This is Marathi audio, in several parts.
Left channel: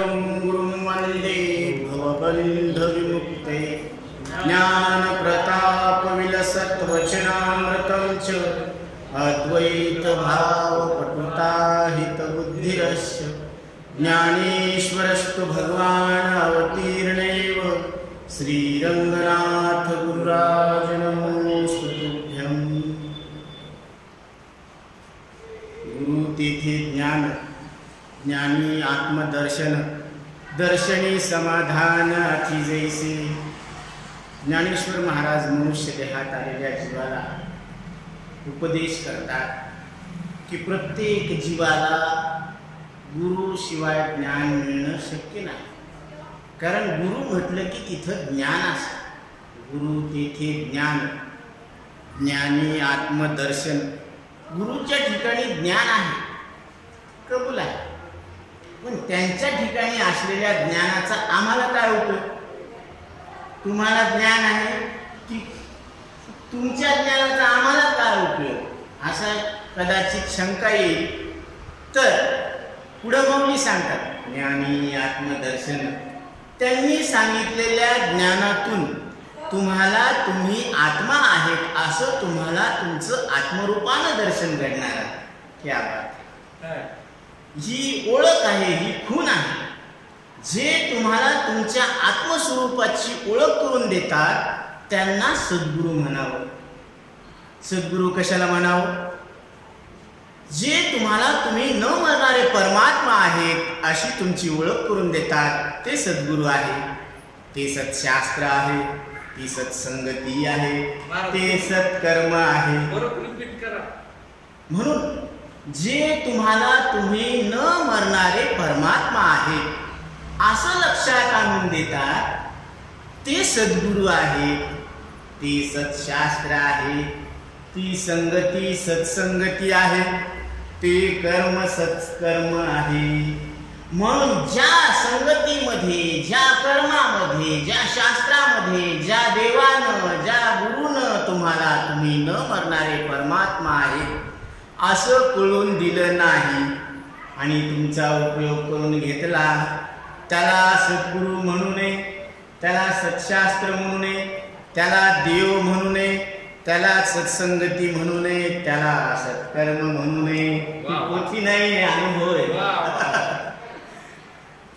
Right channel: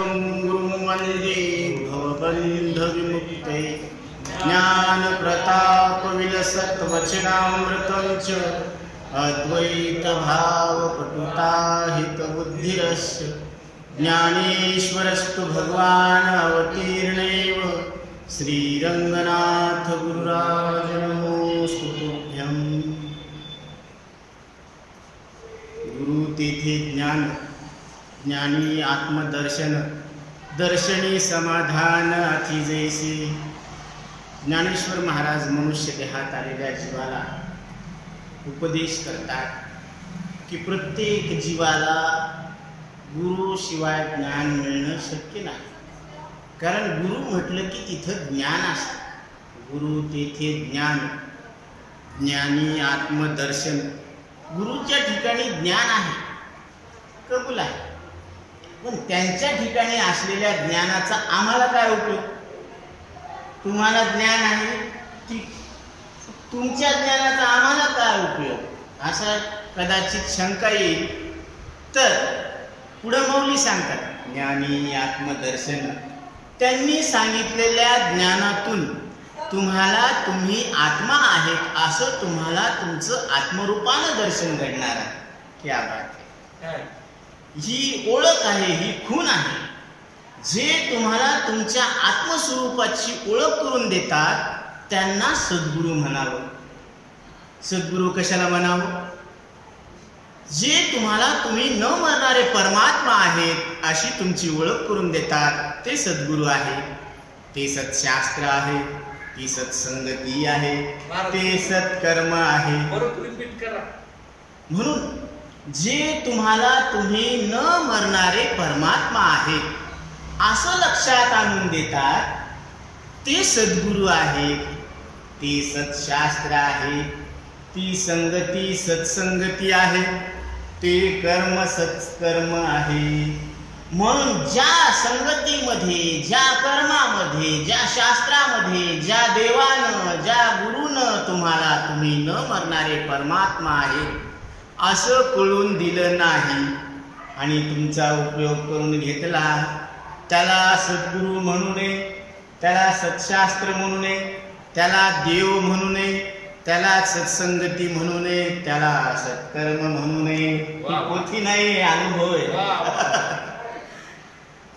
एकं गुरुं वन्दे भवबन्धविमुक्तये ज्ञानप्रतापविलसत्वचनामृतं च अद्वैतभावपटुताहितबुद्धिरस्य ज्ञानेश्वरस्तु भगवान् अवतीर्णैव श्रीरङ्गनाथ गुरुराज नमोऽस्तु तुभ्यम्। गुरुतिथि ज्ञान, ज्ञानी आत्मदर्शन, दर्शनी समाधान अति जैसे। ज्ञानेश्वर महाराज मनुष्य देहात आलेल्या जीवाला उपदेश करतात की प्रत्येक जीवाला गुरु शिवाय ज्ञान मिळणं शक्य नाही, कारण गुरु म्हटलं की तिथं ज्ञान असतं। गुरु तेथे ज्ञान, ज्ञानी आत्मदर्शन। गुरुच्या ठिकाणी ज्ञान आहे, कबूल आहे, पण त्यांच्या ठिकाणी असलेल्या ज्ञानाचा आम्हाला काय उपयोग? तुम्हाला ज्ञान आहे, तुमच्या ज्ञानाचा आम्हाला काय उपयोग, असा कदाचित शंका येईल। तर पुढं मौली सांगतात, ज्ञानी आत्मदर्शन। त्यांनी सांगितलेल्या ज्ञानातून तुम्ही आत्मा आहेत असं तुम्हाला तुमचं आत्मरूपानं दर्शन घडणार आहे। क्या बात आहे! ही ओळख आहे, ही खूण आहे। जे तुम्हाला तुमच्या आत्मस्वरूपाची ओळख करून देतात त्यांना सद्गुरू म्हणावं। सद्गुरू कशाला म्हणावं? जे तुम्ही न मरणारे परमात्मा आहेत अशी तुमची ओळख करून देतात ते सद्गुरू आहे, ते सत्शास्त्र आहे, ती सत्संगती आहे, ते सत्कर्म आहे। म्हणून जे तुम्ही न मरणारे परमात्मा आहेत असं लक्षात आणून देतात ते सद्गुरू आहेत, ते सत्शास्त्र आहे, ती संगती सत्संगती आहे, ते कर्म सत्कर्म आहे। म्हणून ज्या संगतीमध्ये, ज्या कर्मामध्ये, ज्या शास्त्रामध्ये, ज्या देवानं, ज्या गुरुनं तुम्ही न मरणारे परमात्मा आहेत असं कळून दिलं नाही आणि तुमचा उपयोग करून घेतला, त्याला सद्गुरू म्हणू नये, त्याला सत्शास्त्र म्हणू नये, त्याला देव म्हणू नये, त्याला सत्संगती म्हणू नये, त्याला सत्कर्म म्हणू नये। ही पोथी नाही, अनुभव आहे।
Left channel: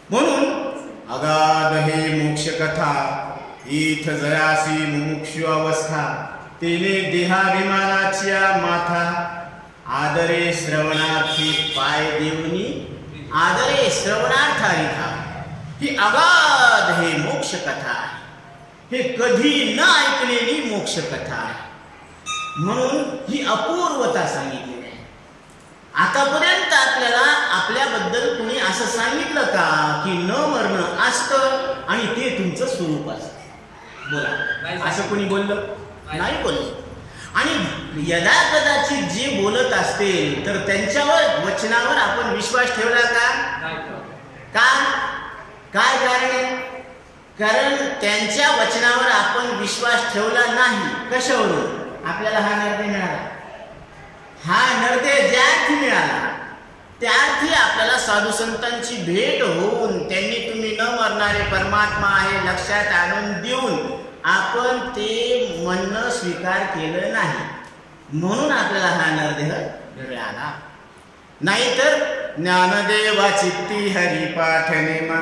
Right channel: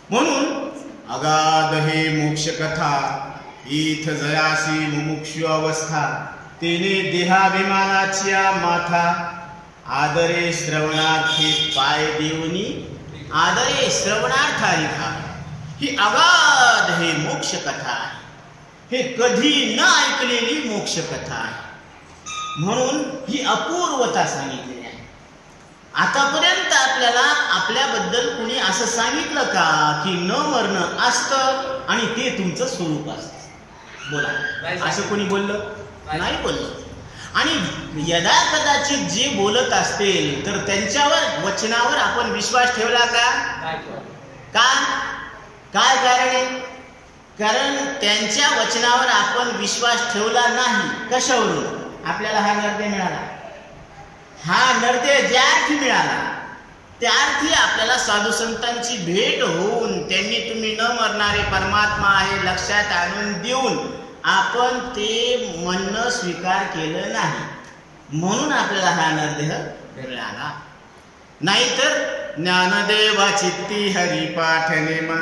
म्हणून अगाध हे मोक्ष कथा, इथ जयासी मुमुक्षु अवस्था, तेने देहाभिमानाची माथा, आदरे श्रवणार्थी पाय देवनी, आदरे श्रवणार्थारी धाम। ही अगाध हे मोक्ष कथा आहे, हे कधी न ऐकलेली मोक्ष कथा आहे। म्हणून ही अपूर्वता सांगितलेली आहे। आतापर्यंत आपल्याला आपल्याबद्दल कुणी असं सांगितलं का की न मरणं असतं आणि ते तुमचं स्वरूप असतं? बोला, असं कोणी बोललं? नाही बोललं। आणि यदा कदाचित जे बोलत असतील तर त्यांच्यावर वचनावर आपण विश्वास ठेवला का? काय कारण आहे? कारण त्यांच्या वचनावर आपण विश्वास ठेवला नाही। कशावरून? आपल्याला हा नरदेह मिळाला, हा नरदेह ज्या अर्थी मिळाला त्या अर्थी आपल्याला साधू संतांची भेट होऊन त्यांनी तुम्ही न मरणारे परमात्मा आहे लक्षात आणून देऊन आपण ते म्हणणं स्वीकार केलं नाही, म्हणून आपल्याला हा नरदेह मिळाला। नाहीतर ज्ञानदेवा चित्ती हरिपाठ नेमा,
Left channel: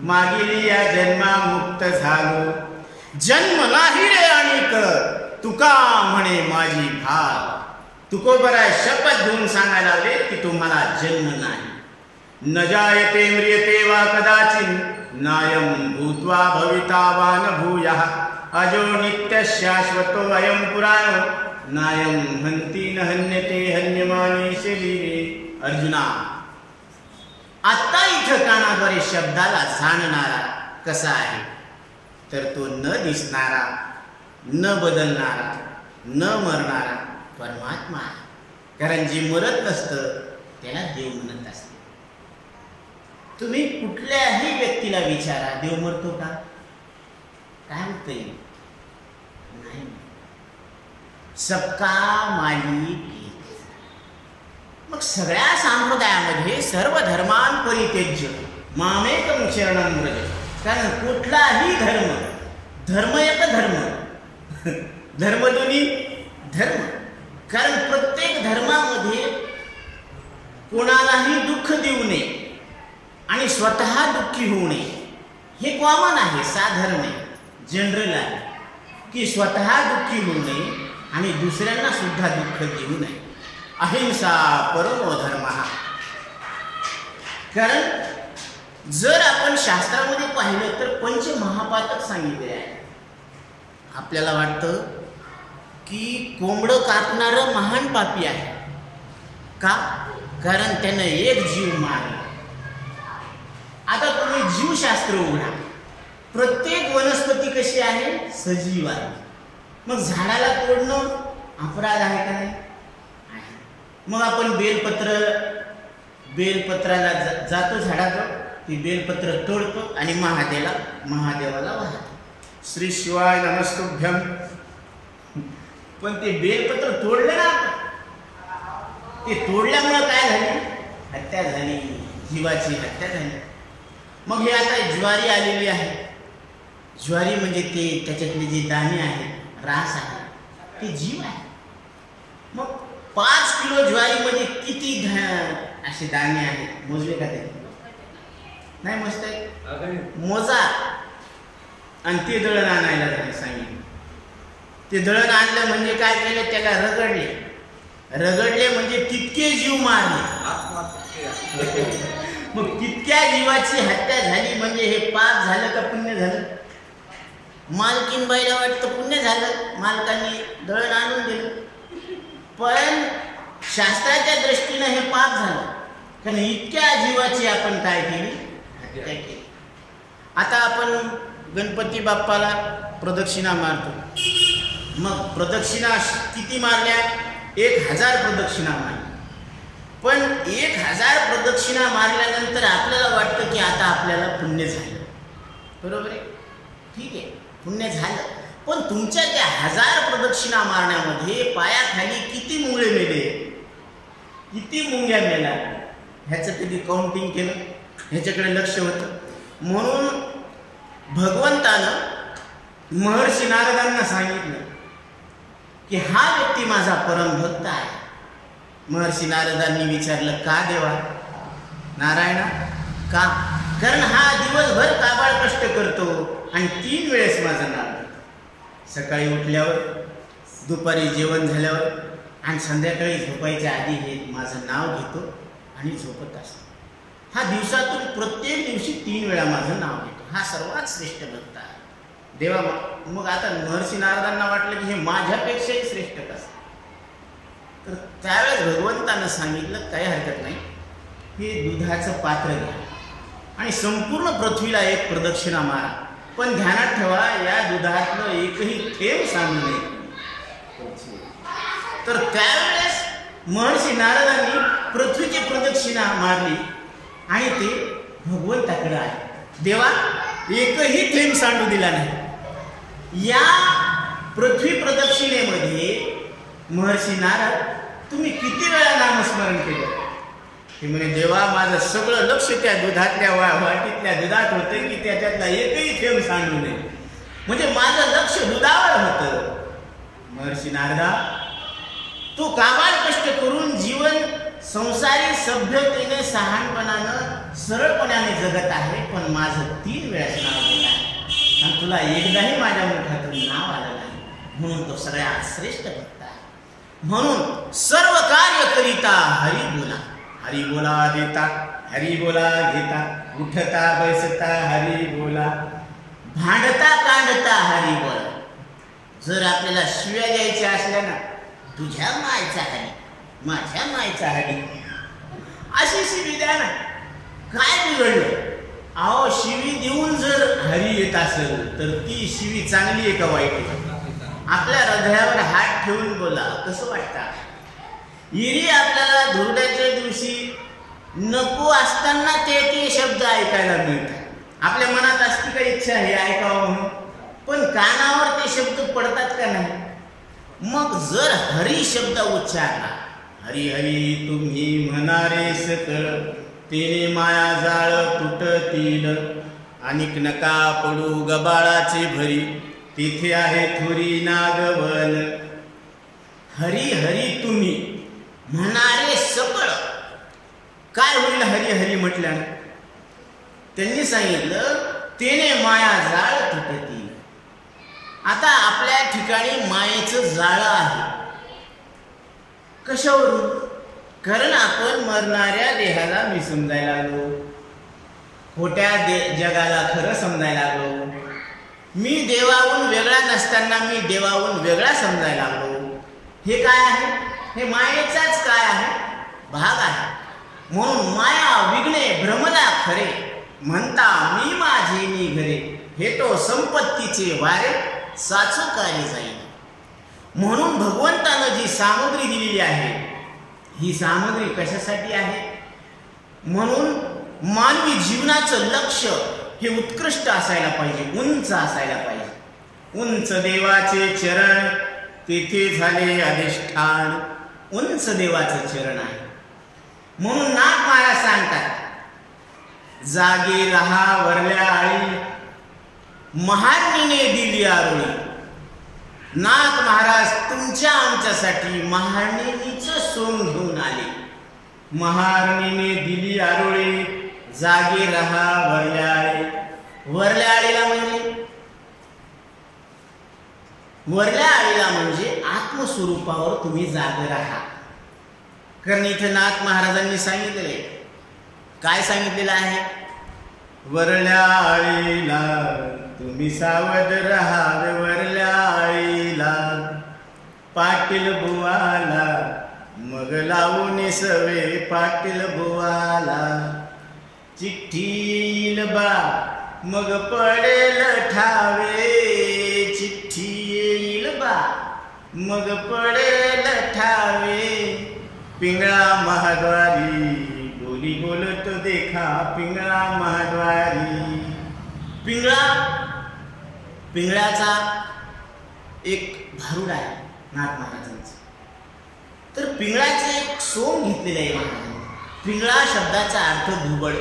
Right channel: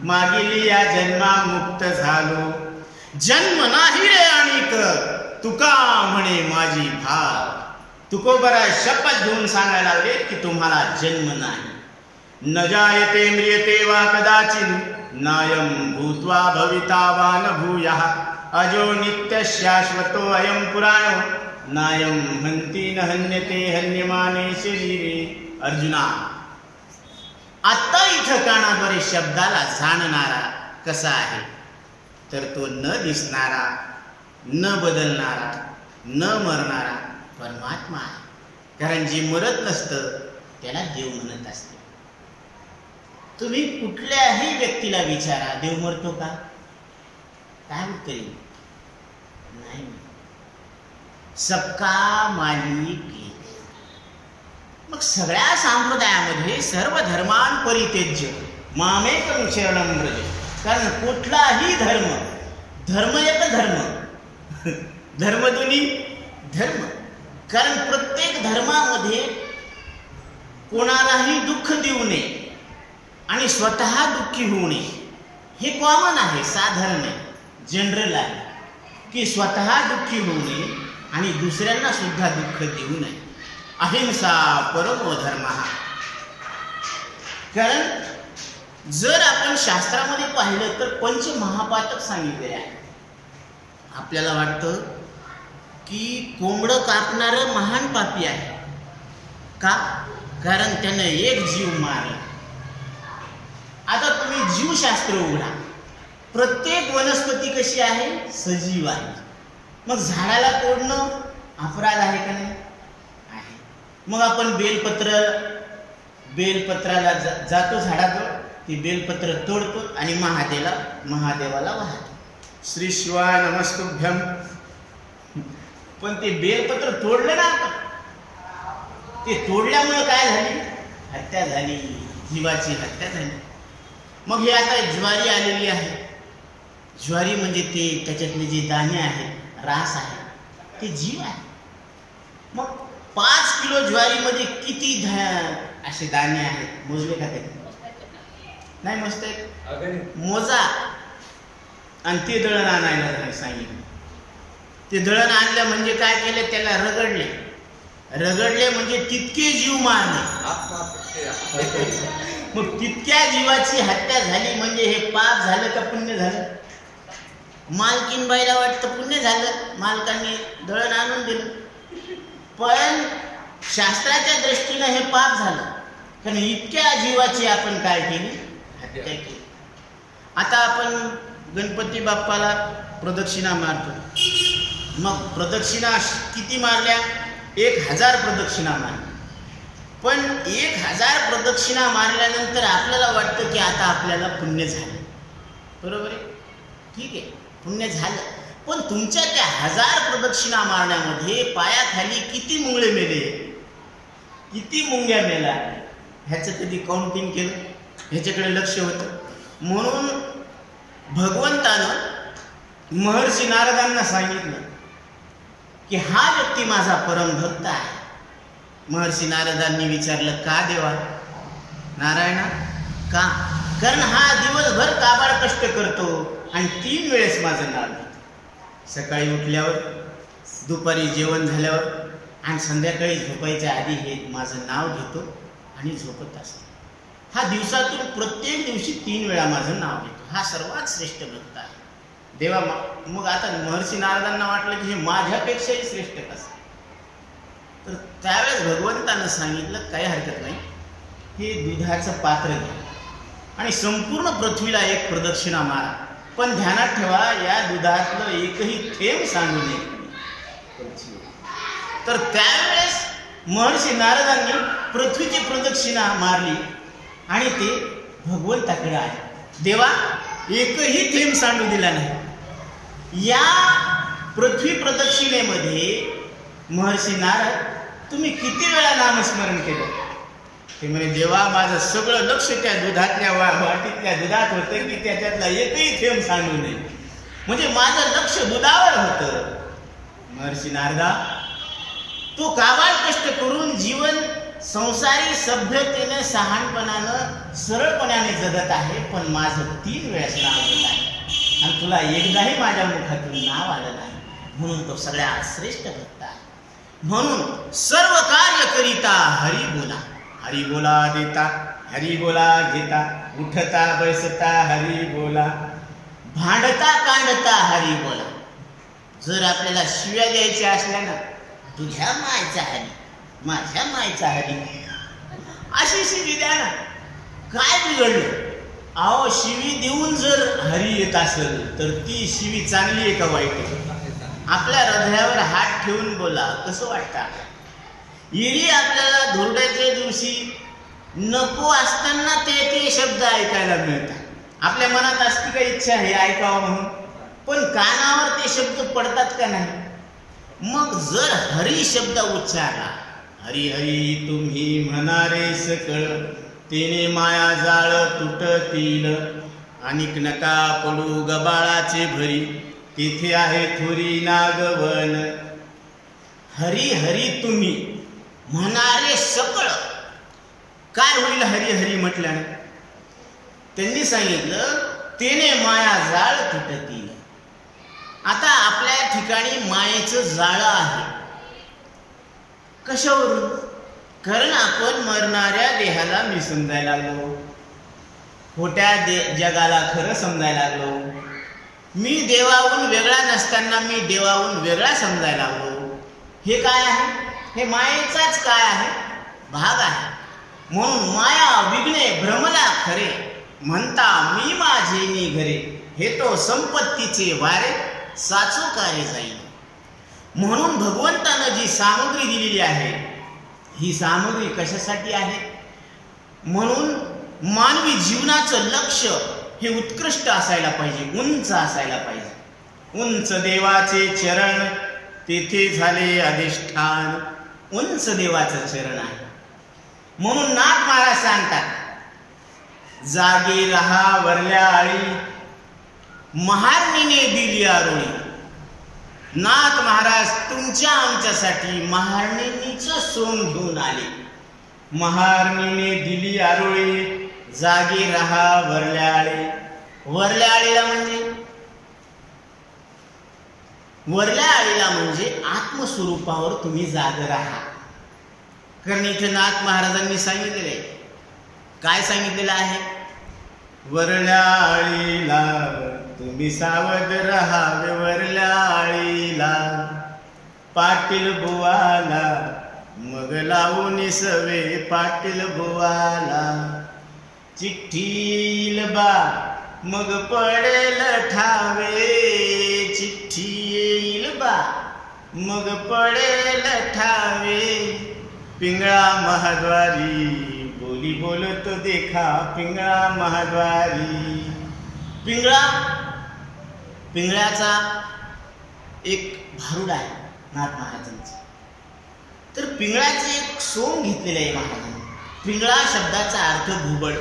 मागिली या जन्मा मुक्त झालो, जन्म नाही रे आणिक तुका म्हणे माझी भाल। तुकोबरा शपथ घेऊन सांगायला लागले की तुम्हाला जन्म नाही। न जायते म्रियते वा कदाचिन, नायम भूत्वा भविता वा न भूयः, अजो नित्य शाश्वतो अयम पुराणो, नायम हन्ति न हन्यते हन्यमाने शरीरे। अर्जुना, आत्ता इथं कानाद्वारे शब्दाला जाणणारा कसा आहे? तर तो न दिसणारा, न बदलणारा, न मरणारा परमात्मा आहे। कारण जे मरत नसतं त्याला देव म्हणत असते। तुम्ही कुठल्याही व्यक्तीला विचारा, देव मरतो का? काय उत्तर येईल? नाही। सबका मालिक एक। मग सगळ्या संप्रदायामध्ये सर्व धर्मां परित्यज्य मामेकं शरणं व्रज. कारण कुठलाही धर्म एक धर्म दोन्ही धर्म. कारण प्रत्येक धर्मामध्ये कोणालाही दुःख देऊ नये आणि स्वतः दुःखी होऊ नये हे कॉमन आहे, साधारण आहे, जनरल आहे की स्वतः दुःखी होऊ नये आणि दुसऱ्यांना सुद्धा दुःख देऊ नये. अहिंसा परमो धर्म. कारण जर आपण शास्त्रामध्ये पाहिलं तर पंचमहापातक सांगितले आहे. आपल्याला वाटतं की कोंबडं कापणारं महान पापी आहे का? कारण त्यानं एक जीव मारला. आता तुम्ही जीवशास्त्र उघडा, प्रत्येक वनस्पती कशी आहे? सजीव आहे. मग झाडाला तोडणं अपराध आहे का नाही? आहे. मग आपण बेलपत्राला जातो झाडाजवळ, ती बेलपत्र तोडतो आणि महादेवाला वाहतो, श्री शिवाय नमस्तुभ्यम. पण ते बेलपत्र तोडलं ना आपण, ते तोडल्यामुळं काय झाली? हत्या झाली, जीवाची हत्या झाली. मग हे आता ज्वारी आलेली आहे. ज्वारी म्हणजे ते त्याच्यातले जे दाणे आहेत, रास आहे, ते जीव आहे. मग 5 किलो ज्वारीमध्ये किती असे दाणे आहेत? मोजले का? ते नाही मोजता येत. मोजा. आणि ते दळण आणायला सांगितलं. ते दळण आणलं म्हणजे काय केलं? त्याला रगडले म्हणजे तितके जीव मारले. मग तितक्या जीवाची हत्या झाली म्हणजे हे पाप झालं का पुण्य झालं? मालकीनबाईला वाटतं पुण्य झालं, मालकांनी दळण आणून दिलं. पण शास्त्राच्या दृष्टीनं हे पाप झालं, कारण इतक्या जीवाची आपण काय केली? हत्या केली. आता आपण गणपती बाप्पाला प्रदक्षिणा मारतो. मग प्रदक्षिणा किती मारल्या? 1000 प्रदक्षिणा मारल्या. पण 1000 प्रदक्षिणा मारल्यानंतर आपल्याला वाटतं की आता आपल्याला पुण्य झालं. बरोबर आहे? ठीक आहे, पुण्य झालं. पण तुमच्या त्या 1000 प्रदक्षिणा मारण्यामध्ये पायाखाली किती मुंगळे मेले, किती मुंग्या मेला, ह्याचं कधी काउंटिंग केलं? ह्याच्याकडे लक्ष होतं. म्हणून भगवंतानं महर्षी नारदांना सांगितलं की हा व्यक्ती माझा परमभक्त आहे. महर्षी नारदांनी विचारलं, का देवा? नारायणा, का? कारण हा दिवसभर काबाड कष्ट करतो आणि 3 वेळेस माझं नाव घेतो. सकाळी उठल्यावर, दुपारी जेवण झाल्यावर आणि संध्याकाळी झोपायच्या आधी हे माझं नाव घेतो आणि झोपत असतो. हा दिवसातून प्रत्येक दिवशी 3 वेळा माझं नाव घेतो. हा सर्वात श्रेष्ठ भक्त आहे. देवा, मग आता महर्षी नारदांना वाटलं की हे माझ्यापेक्षाही श्रेष्ठ कसं? तर त्यावेळेस भगवंतानं सांगितलं, काही हरकत नाही, हे दुधाचं पात्र घ्या आणि संपूर्ण पृथ्वीला एक प्रदक्षिणा मारा. पण ध्यानात ठेवा, या दुधातलं एकही थेंब सांडू नये. तर त्यावेळेस महर्षी नारदांनी पृथ्वीची प्रदक्षिणा मारली आणि ते भगवंताकडे आले. देवा, एकही थेंब सांडू दिला नाही. या पृथ्वी प्रदक्षिणेमध्ये महर्षी नारद, तुम्ही किती वेळा नामस्मरण केलं? ते म्हणे, देवा, माझं सगळं लक्ष त्या दुधातल्या वाटीतल्या दुधात होतं की त्याच्यातला एकही थेंब सांडू नये. म्हणजे माझं लक्ष दुधावर होतं. महर्षी नारदा, तू काबाड कष्ट करून जीवन संसारी सभ्यतेने, शहाणपणानं, सरळपणाने जगत आहे, पण माझं 3 वेळाच नाव घेत आहे आणि तुला एकदाही माझ्या मुखातून नाव आलं नाही. म्हणून तो सगळ्यात श्रेष्ठ भक्त आहे. म्हणून सर्व कार्य करिता हरी बोला. हरी बोला देता, हरी बोला घेता, उठता बैसता हरी बोला, भांडता कांडता हरी बोला. जर आपल्याला शिव्या द्यायच्या असल्या ना, तुझ्या मायचा हरी, माझ्या मायचा हरी, अशी शिवी द्या ना. काय बिघडलं? अहो, शिवी देऊन जर हरी येत असेल तर ती शिवी चांगली आहे का वाईट आहे? आपल्या हृदयावर हात ठेवून बोला, कसं वाटतं? एरी आपल्याला धुरड्याच्या दिवशी नको असताना ते शब्द ऐकायला मिळतात. आपल्या मनात असती का इच्छा हे ऐकावं म्हणून, पण कानावर ते शब्द पडतात का नाही? मग जर हरी शब्द उच्चारला, हरी हरी तुम्ही म्हणारे सकळ, तेने माया जाळ तुटतील, अनिक नका पडू गबाळाचे भरी, तिथे आहे थोरी नागवन. हरी हरी तुम्ही म्हणारे सकळ. काय होईल हरी हरी म्हटल्यानं? त्यांनी सांगितलं तेने माया जाळ तुटतील. आता आपल्या ठिकाणी मायेचं जाळं आहे. कशावरून? कारण आपण मरणाऱ्या देहाला मी समजायला लागलो, खोट्या जगाला खरं समजायला लागलो. मी देवाहून वेगळा नसताना मी देवाहून वेगळा समजायला लागलो. हे काय आहे? हे मायेचाच काय आहे? भाग आहे. म्हणून माया विघ्ने भ्रमला खरे, म्हणता मी माझे नि घरे, हे तो संपत्तीचे वारे साचू कार्य जाईल. म्हणून भगवंतानं जी सामग्री दिलेली आहे, ही सामग्री कशासाठी आहे? म्हणून मानवी जीवनाचं लक्ष हे उत्कृष्ट असायला पाहिजे, उंच असायला पाहिजे. उंच देवाचे चरण तेथे झाले अधिष्ठान. उंच देवाचं चरण आहे. म्हणून नाथ महाराज सांगतात, जागे रहा वरल्या आळी, महारणीने दिली आरोळी. नाथ महाराज तुमच्या आमच्यासाठी महारणीचं सोंग घेऊन आले. महारणीने दिली आरोळी, जागे रहा वरल्या आळी. वरल्या आळीला म्हणजे आत्मस्वरूपावर तुम्ही जाग राहा. कारण इथं नाथ महाराजांनी सांगितलेलं आहे. काय सांगितलेलं आहे? वरल्या आळीला तुम्ही सावध राहावे. वरल्या आळीला पाटील बुवाला मग लावून सवे. पाटील बुवाला चिठ्ठी येईल बा मग पडेल ठावे. चिठ्ठी येईल बा मग पडेल ठावे. पिंगळा महाद्वारी बोली बोलत देखा. पिंगळा महाद्वारी. पिंगळ्याचा एक भारुड आहे नाथ महाराजांचं. तर पिंगळाचे एक सोंग घेतलेलं आहे महाराजांनी. पिंगळा शब्दाचा अर्थ घुबड.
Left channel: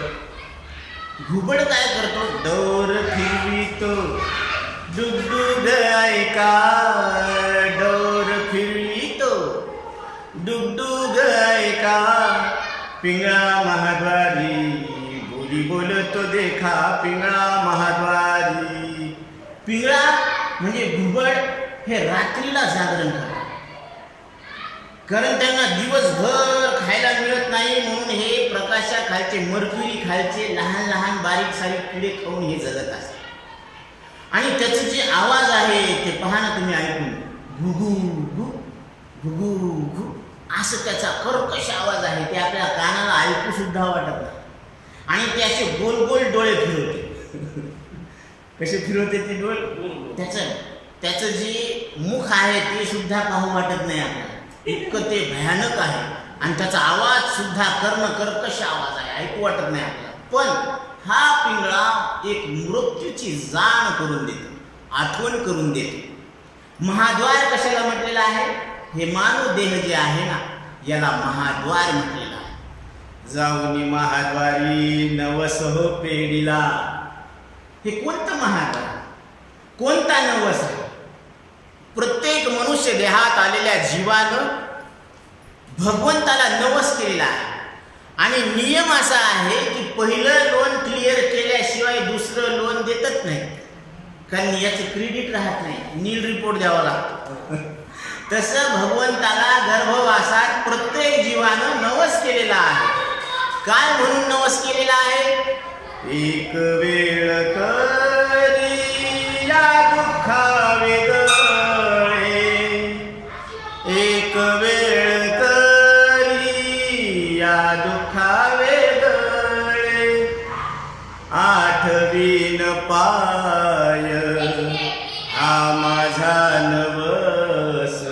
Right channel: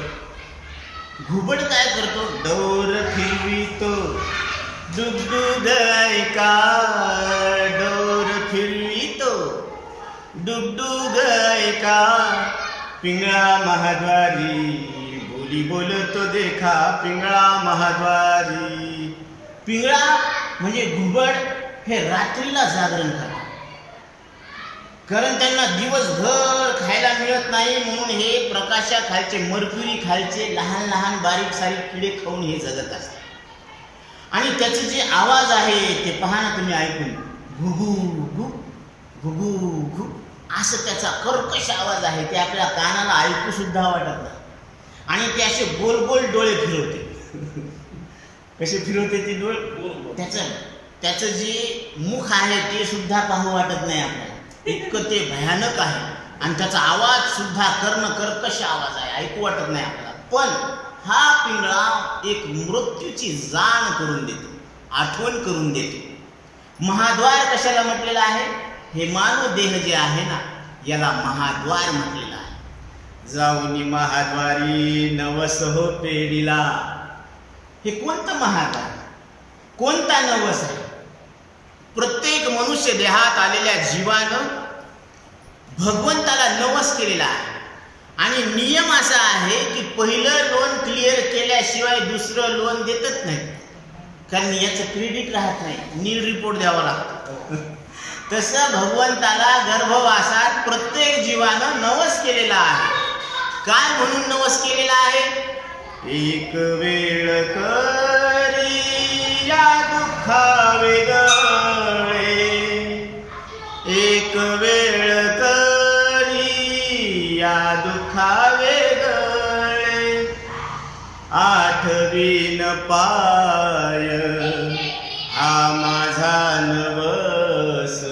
घुबड काय करतो? डोर फिरवितो डुगडुग ऐका. डोर फिरवितो डुगडुग ऐका. पिंगळा महाद्वारी बोली बोलतो देखा. पिंगळा महाद्वारी. पिंगळा म्हणजे घुबड हे रात्रीला जागरण करतात. कारण त्यांना दिवसभर खायला मिळत नाही, म्हणून हे प्रकाशाखालचे मर्क्युरी खालचे लहान लहान बारीक सारीक किडे खाऊन हे जगत असतात. आणि त्याचं जे आवाज आहे ते पहा ना तुम्ही ऐकून. घुघू घु घुघू घु असं त्याचा कर्कश आवाज आहे. ते आपल्या कानाला ऐकू सुद्धा वाटत नाही. आणि ते असे गोल गोल डोळे फिरवते. कसे फिरवते ते डोळे? त्याचं जे मुख आहे ते सुद्धा पाहू वाटत नाही आपल्याला, इतकं ते भयानक आहे. आणि त्याचा आवाज सुद्धा कर्कश आवाज आहे, ऐकू वाटत नाही आपल्याला. पण हा पिंगळा एक मृत्यूची जाण करून देतो, आठवण करून देतो. महाद्वार कशाला म्हटलेलं आहे? हे मानव देह जे आहे ना, याला महाद्वार म्हटलेलं आहे. जाऊनी महाद्वारी नवस हो पेढीला. हे कोणतं महाद्वार? कोणता नवस आहे? प्रत्येक मनुष्य देहात आलेल्या जीवानं भगवंताला नवस केलेला आहे. आणि नियम असा आहे की पहिलं लोन क्लिअर केल्याशिवाय दुसरं लोन देतच नाही. कारण याचं क्रेडिट राहत नाही, नील रिपोर्ट द्यावा लागतो. तसं भगवंताला गर्भवासात प्रत्येक जीवानं नवस केलेला आहे. काय म्हणून नवस केलेला आहे? एक वेळ करी या दुःखा वेगळे. एक वेळ करी या दुःखा वेगळे. आठवीन पाय हा माझा नवस.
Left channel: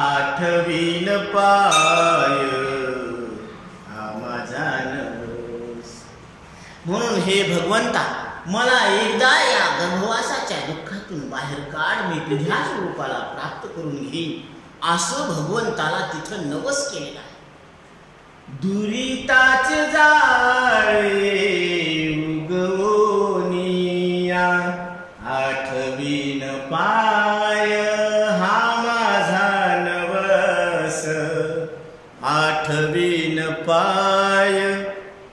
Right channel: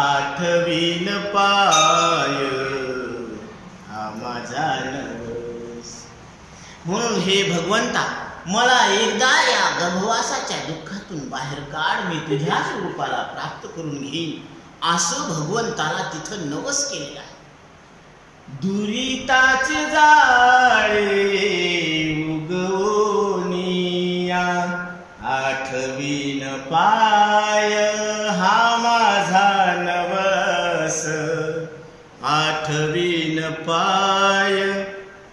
आठवीन पाय हा माझा नवस. म्हणून हे भगवंता, मला एकदा या गर्भवासाच्या दुःखातून बाहेर काढ. मी तुझ्याच रूपाला प्राप्त करून घेईन, असं भगवंताला तिथं नवस केलेला आहे. दुरिताचे जाळे उगवनिया आठवीन पाय हा माझा नवस आठवीन पाय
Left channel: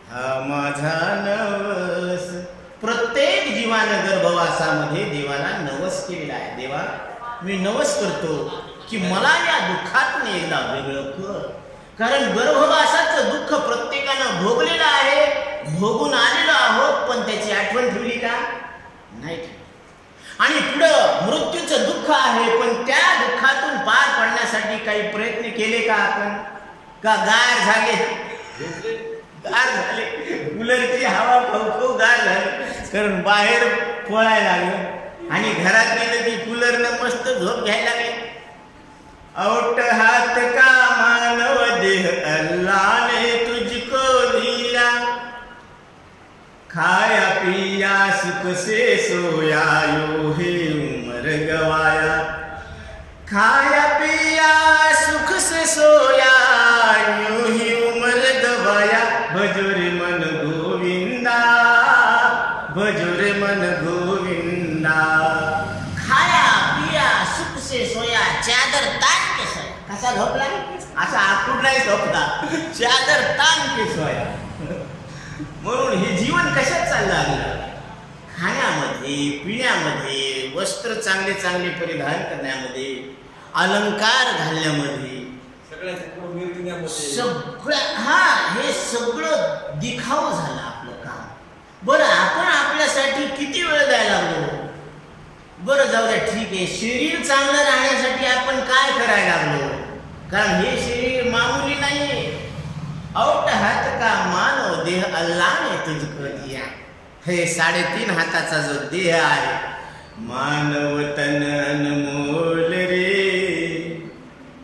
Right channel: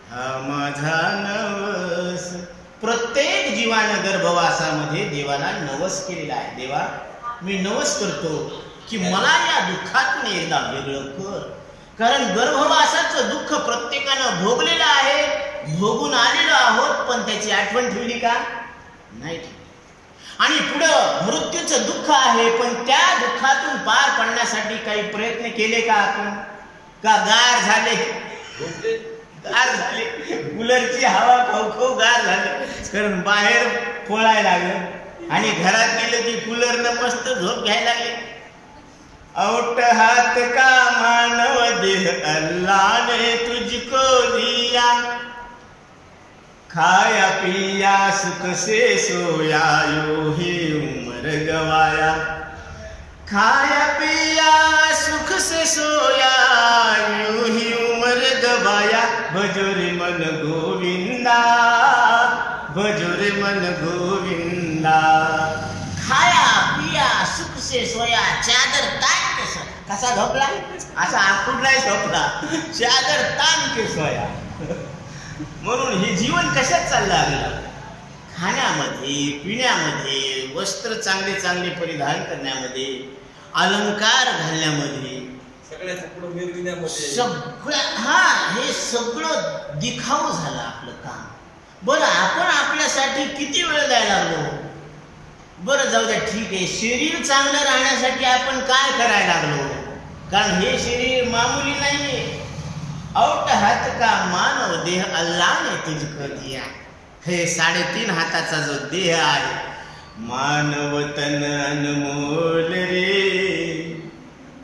हा माझा नवस. प्रत्येक जीवानं गर्भवासामध्ये देवाला नवस केलेला आहे. देवा मी नवस करतो की मला या दुःखातून एकदा वेगळं कर. कारण गर्भवासाचं दुःख प्रत्येकानं भोगलेलं आहे, भोगून आलेलो आहोत, पण त्याची आठवण ठेवली का? नाही ठेवली. आणि पुढं मृत्यूचं दुःख आहे, पण त्या दुःखातून पार पडण्यासाठी काही प्रयत्न केले का आपण? का गार झाले? गार झाले, कूलरची हवा खाऊ खाऊ गार झाले. कारण बाहेर पळायला लागलं आणि घरात गेलं की कूलरनं मस्त झोप घ्यायला लागली. औट हात का मानव देह अल्लाह ने तुझको दिया खाया पिया सुख से सोया यो ही उम्र गवाया खाया पिया सुख से सोया यूं ही उम्र गवाया भजोरे मन गोविंदा भजोरे मन गोविंदा. खाया पिया सुख से सोया चादर तान के सोया. कसा झोपला? असा आखूड नाही झोपला, चादर तान के सोया. म्हणून हे जीवन कशात चाललं लागलं? खाण्यामध्ये, पिण्यामध्ये, वस्त्र चांगले चांगले परिधान करण्यामध्ये, अलंकार घालण्यामध्ये, सगळ्या हे सगळं दिखाऊ झालं आपलं काम. बरं आपण आपल्यासाठी किती वेळ द्यायला लागलो? बरं जाऊ द्या, ठीक आहे, शरीर चांगलं राहण्यासाठी आपण काय करायला लागलो? कारण हे शरीर मामूली नाहीये. औट हात का मानव देह अल्लाह ने तुझको दिया. हे 3.5 हाताचा जो देह आहे, मानव तन अनमोल रे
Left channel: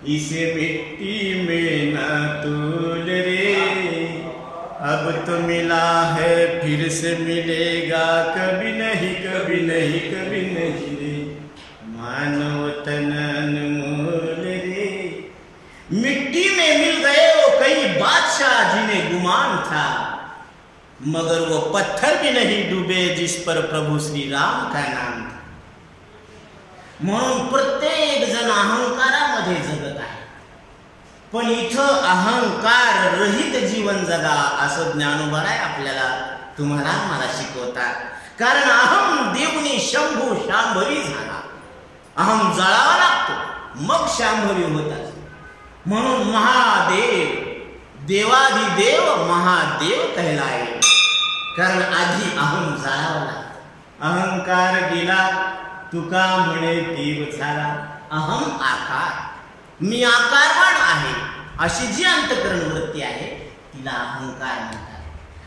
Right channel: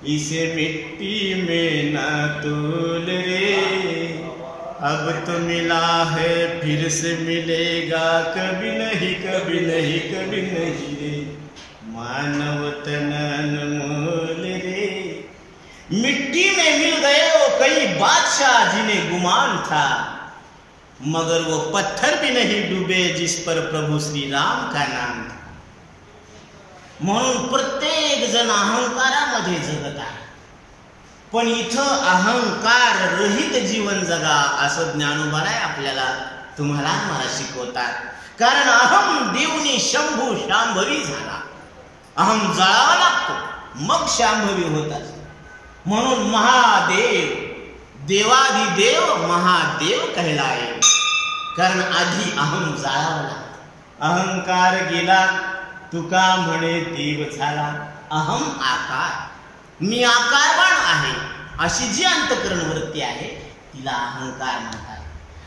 इसे मिट्टी में ना तोल रे अब तो मिला है फिर से मिलेगा कभी नहीं कभी नहीं कभी नहीं रे मानव तन अनमोल रे. मिट्टी में मिल गए वो कई बादशाह जिन्हें गुमान था मगर वो पत्थर भी नहीं डूबे जिस पर प्रभु श्री राम का नाम था. म्हणून प्रत्येक जण अहंकारामध्ये जगत आहे, पण इथं अहंकार रहित जीवन जगा असं ज्ञानोबाराय आपल्याला तुम्हाला मला शिकवतात. कारण अहम देवनी शंभू शांभवी झाला. अहम जळावा लागतो मग शांभवी होत असतो. म्हणून महादेव देवाधिदेव महादेव कहलाय. कारण आधी अहम जाळावा लागला. अहंकार गेला तुका म्हणे देव झाला. अहम आकार, मी आकारवान आहे अशी जी अंतःकरण वृत्ती आहे तिला अहंकार म्हणतात.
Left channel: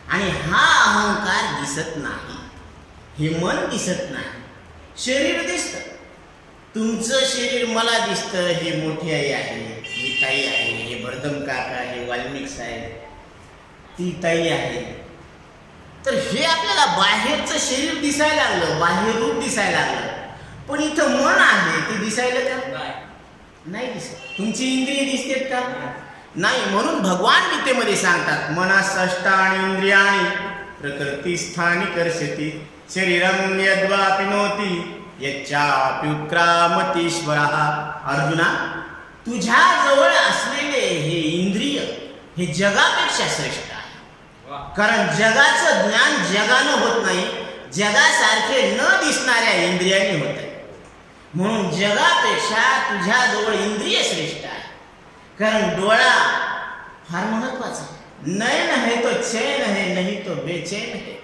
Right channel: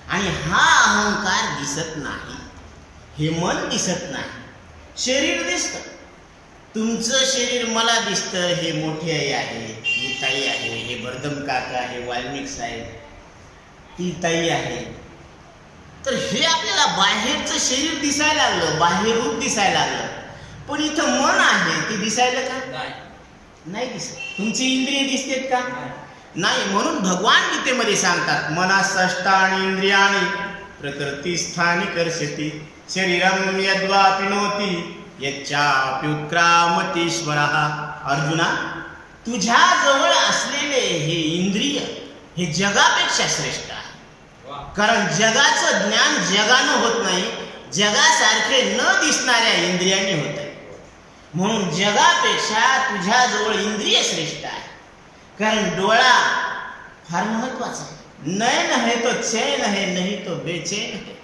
आणि हा अहंकार दिसत नाही, हे मन दिसत नाही. शरीर दिसतं, तुमचं शरीर मला दिसतं. हे मोठी आई आहे, ही ताई आहे, हे भरदम काका, हे वाल्मिक साहेब, ती ताई आहे. तर हे आपल्याला बाहेरचं शरीर दिसायला लागलं, बाहेर रूप दिसायला लागलं. पण इथं मन आहे, ते दिसायला का? नाही दिसत. तुमची इंद्रिय दिसतेत का? नाही. म्हणून भगवान गीतेमध्ये सांगतात, मनसष्टानि इंद्रियाणि प्रकृती स्थानी कर्षति शरीरम यद्वापिनोति यच्चाप्युत्क्रामतीश्वरः. अर्जुना, तुझ्या जवळ असलेले हे इंद्रिय हे जगापेक्षा श्रेष्ठ आहे. कारण जगाचं ज्ञान जगानं होत नाही, जगासारखे न दिसणाऱ्या इंद्रियांनी होत आहे. म्हणून जगापेक्षा तुझ्या जवळ इंद्रिय श्रेष्ठ आहे. कारण डोळा फार महत्वाचा आहे. नयन है तो चैन है नहीं तो बेचैन है.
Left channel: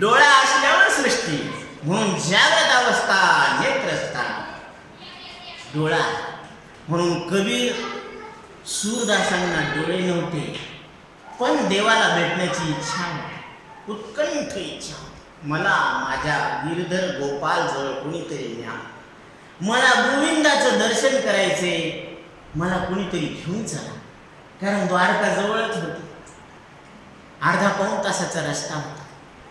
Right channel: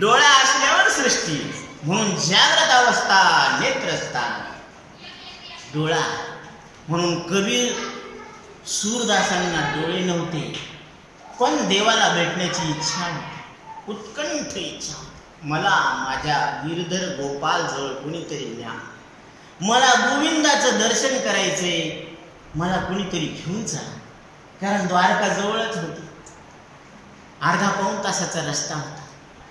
डोळा असल्यावर सृष्टी. म्हणून जागृत अवस्था नेत्रस्थान डोळा. म्हणून कबीर सूरदासांना डोळे नव्हते, पण देवाला भेटण्याची इच्छा होती, उत्कंठ इच्छा होती. मला माझ्या गिरधर गोपाल जवळ कुणीतरी न्या, मला गोविंदाचं दर्शन करायचे, मला कुणीतरी घेऊन चला. कारण द्वारका जवळच होती, अर्धा पाऊण तासाचा रस्ता होता.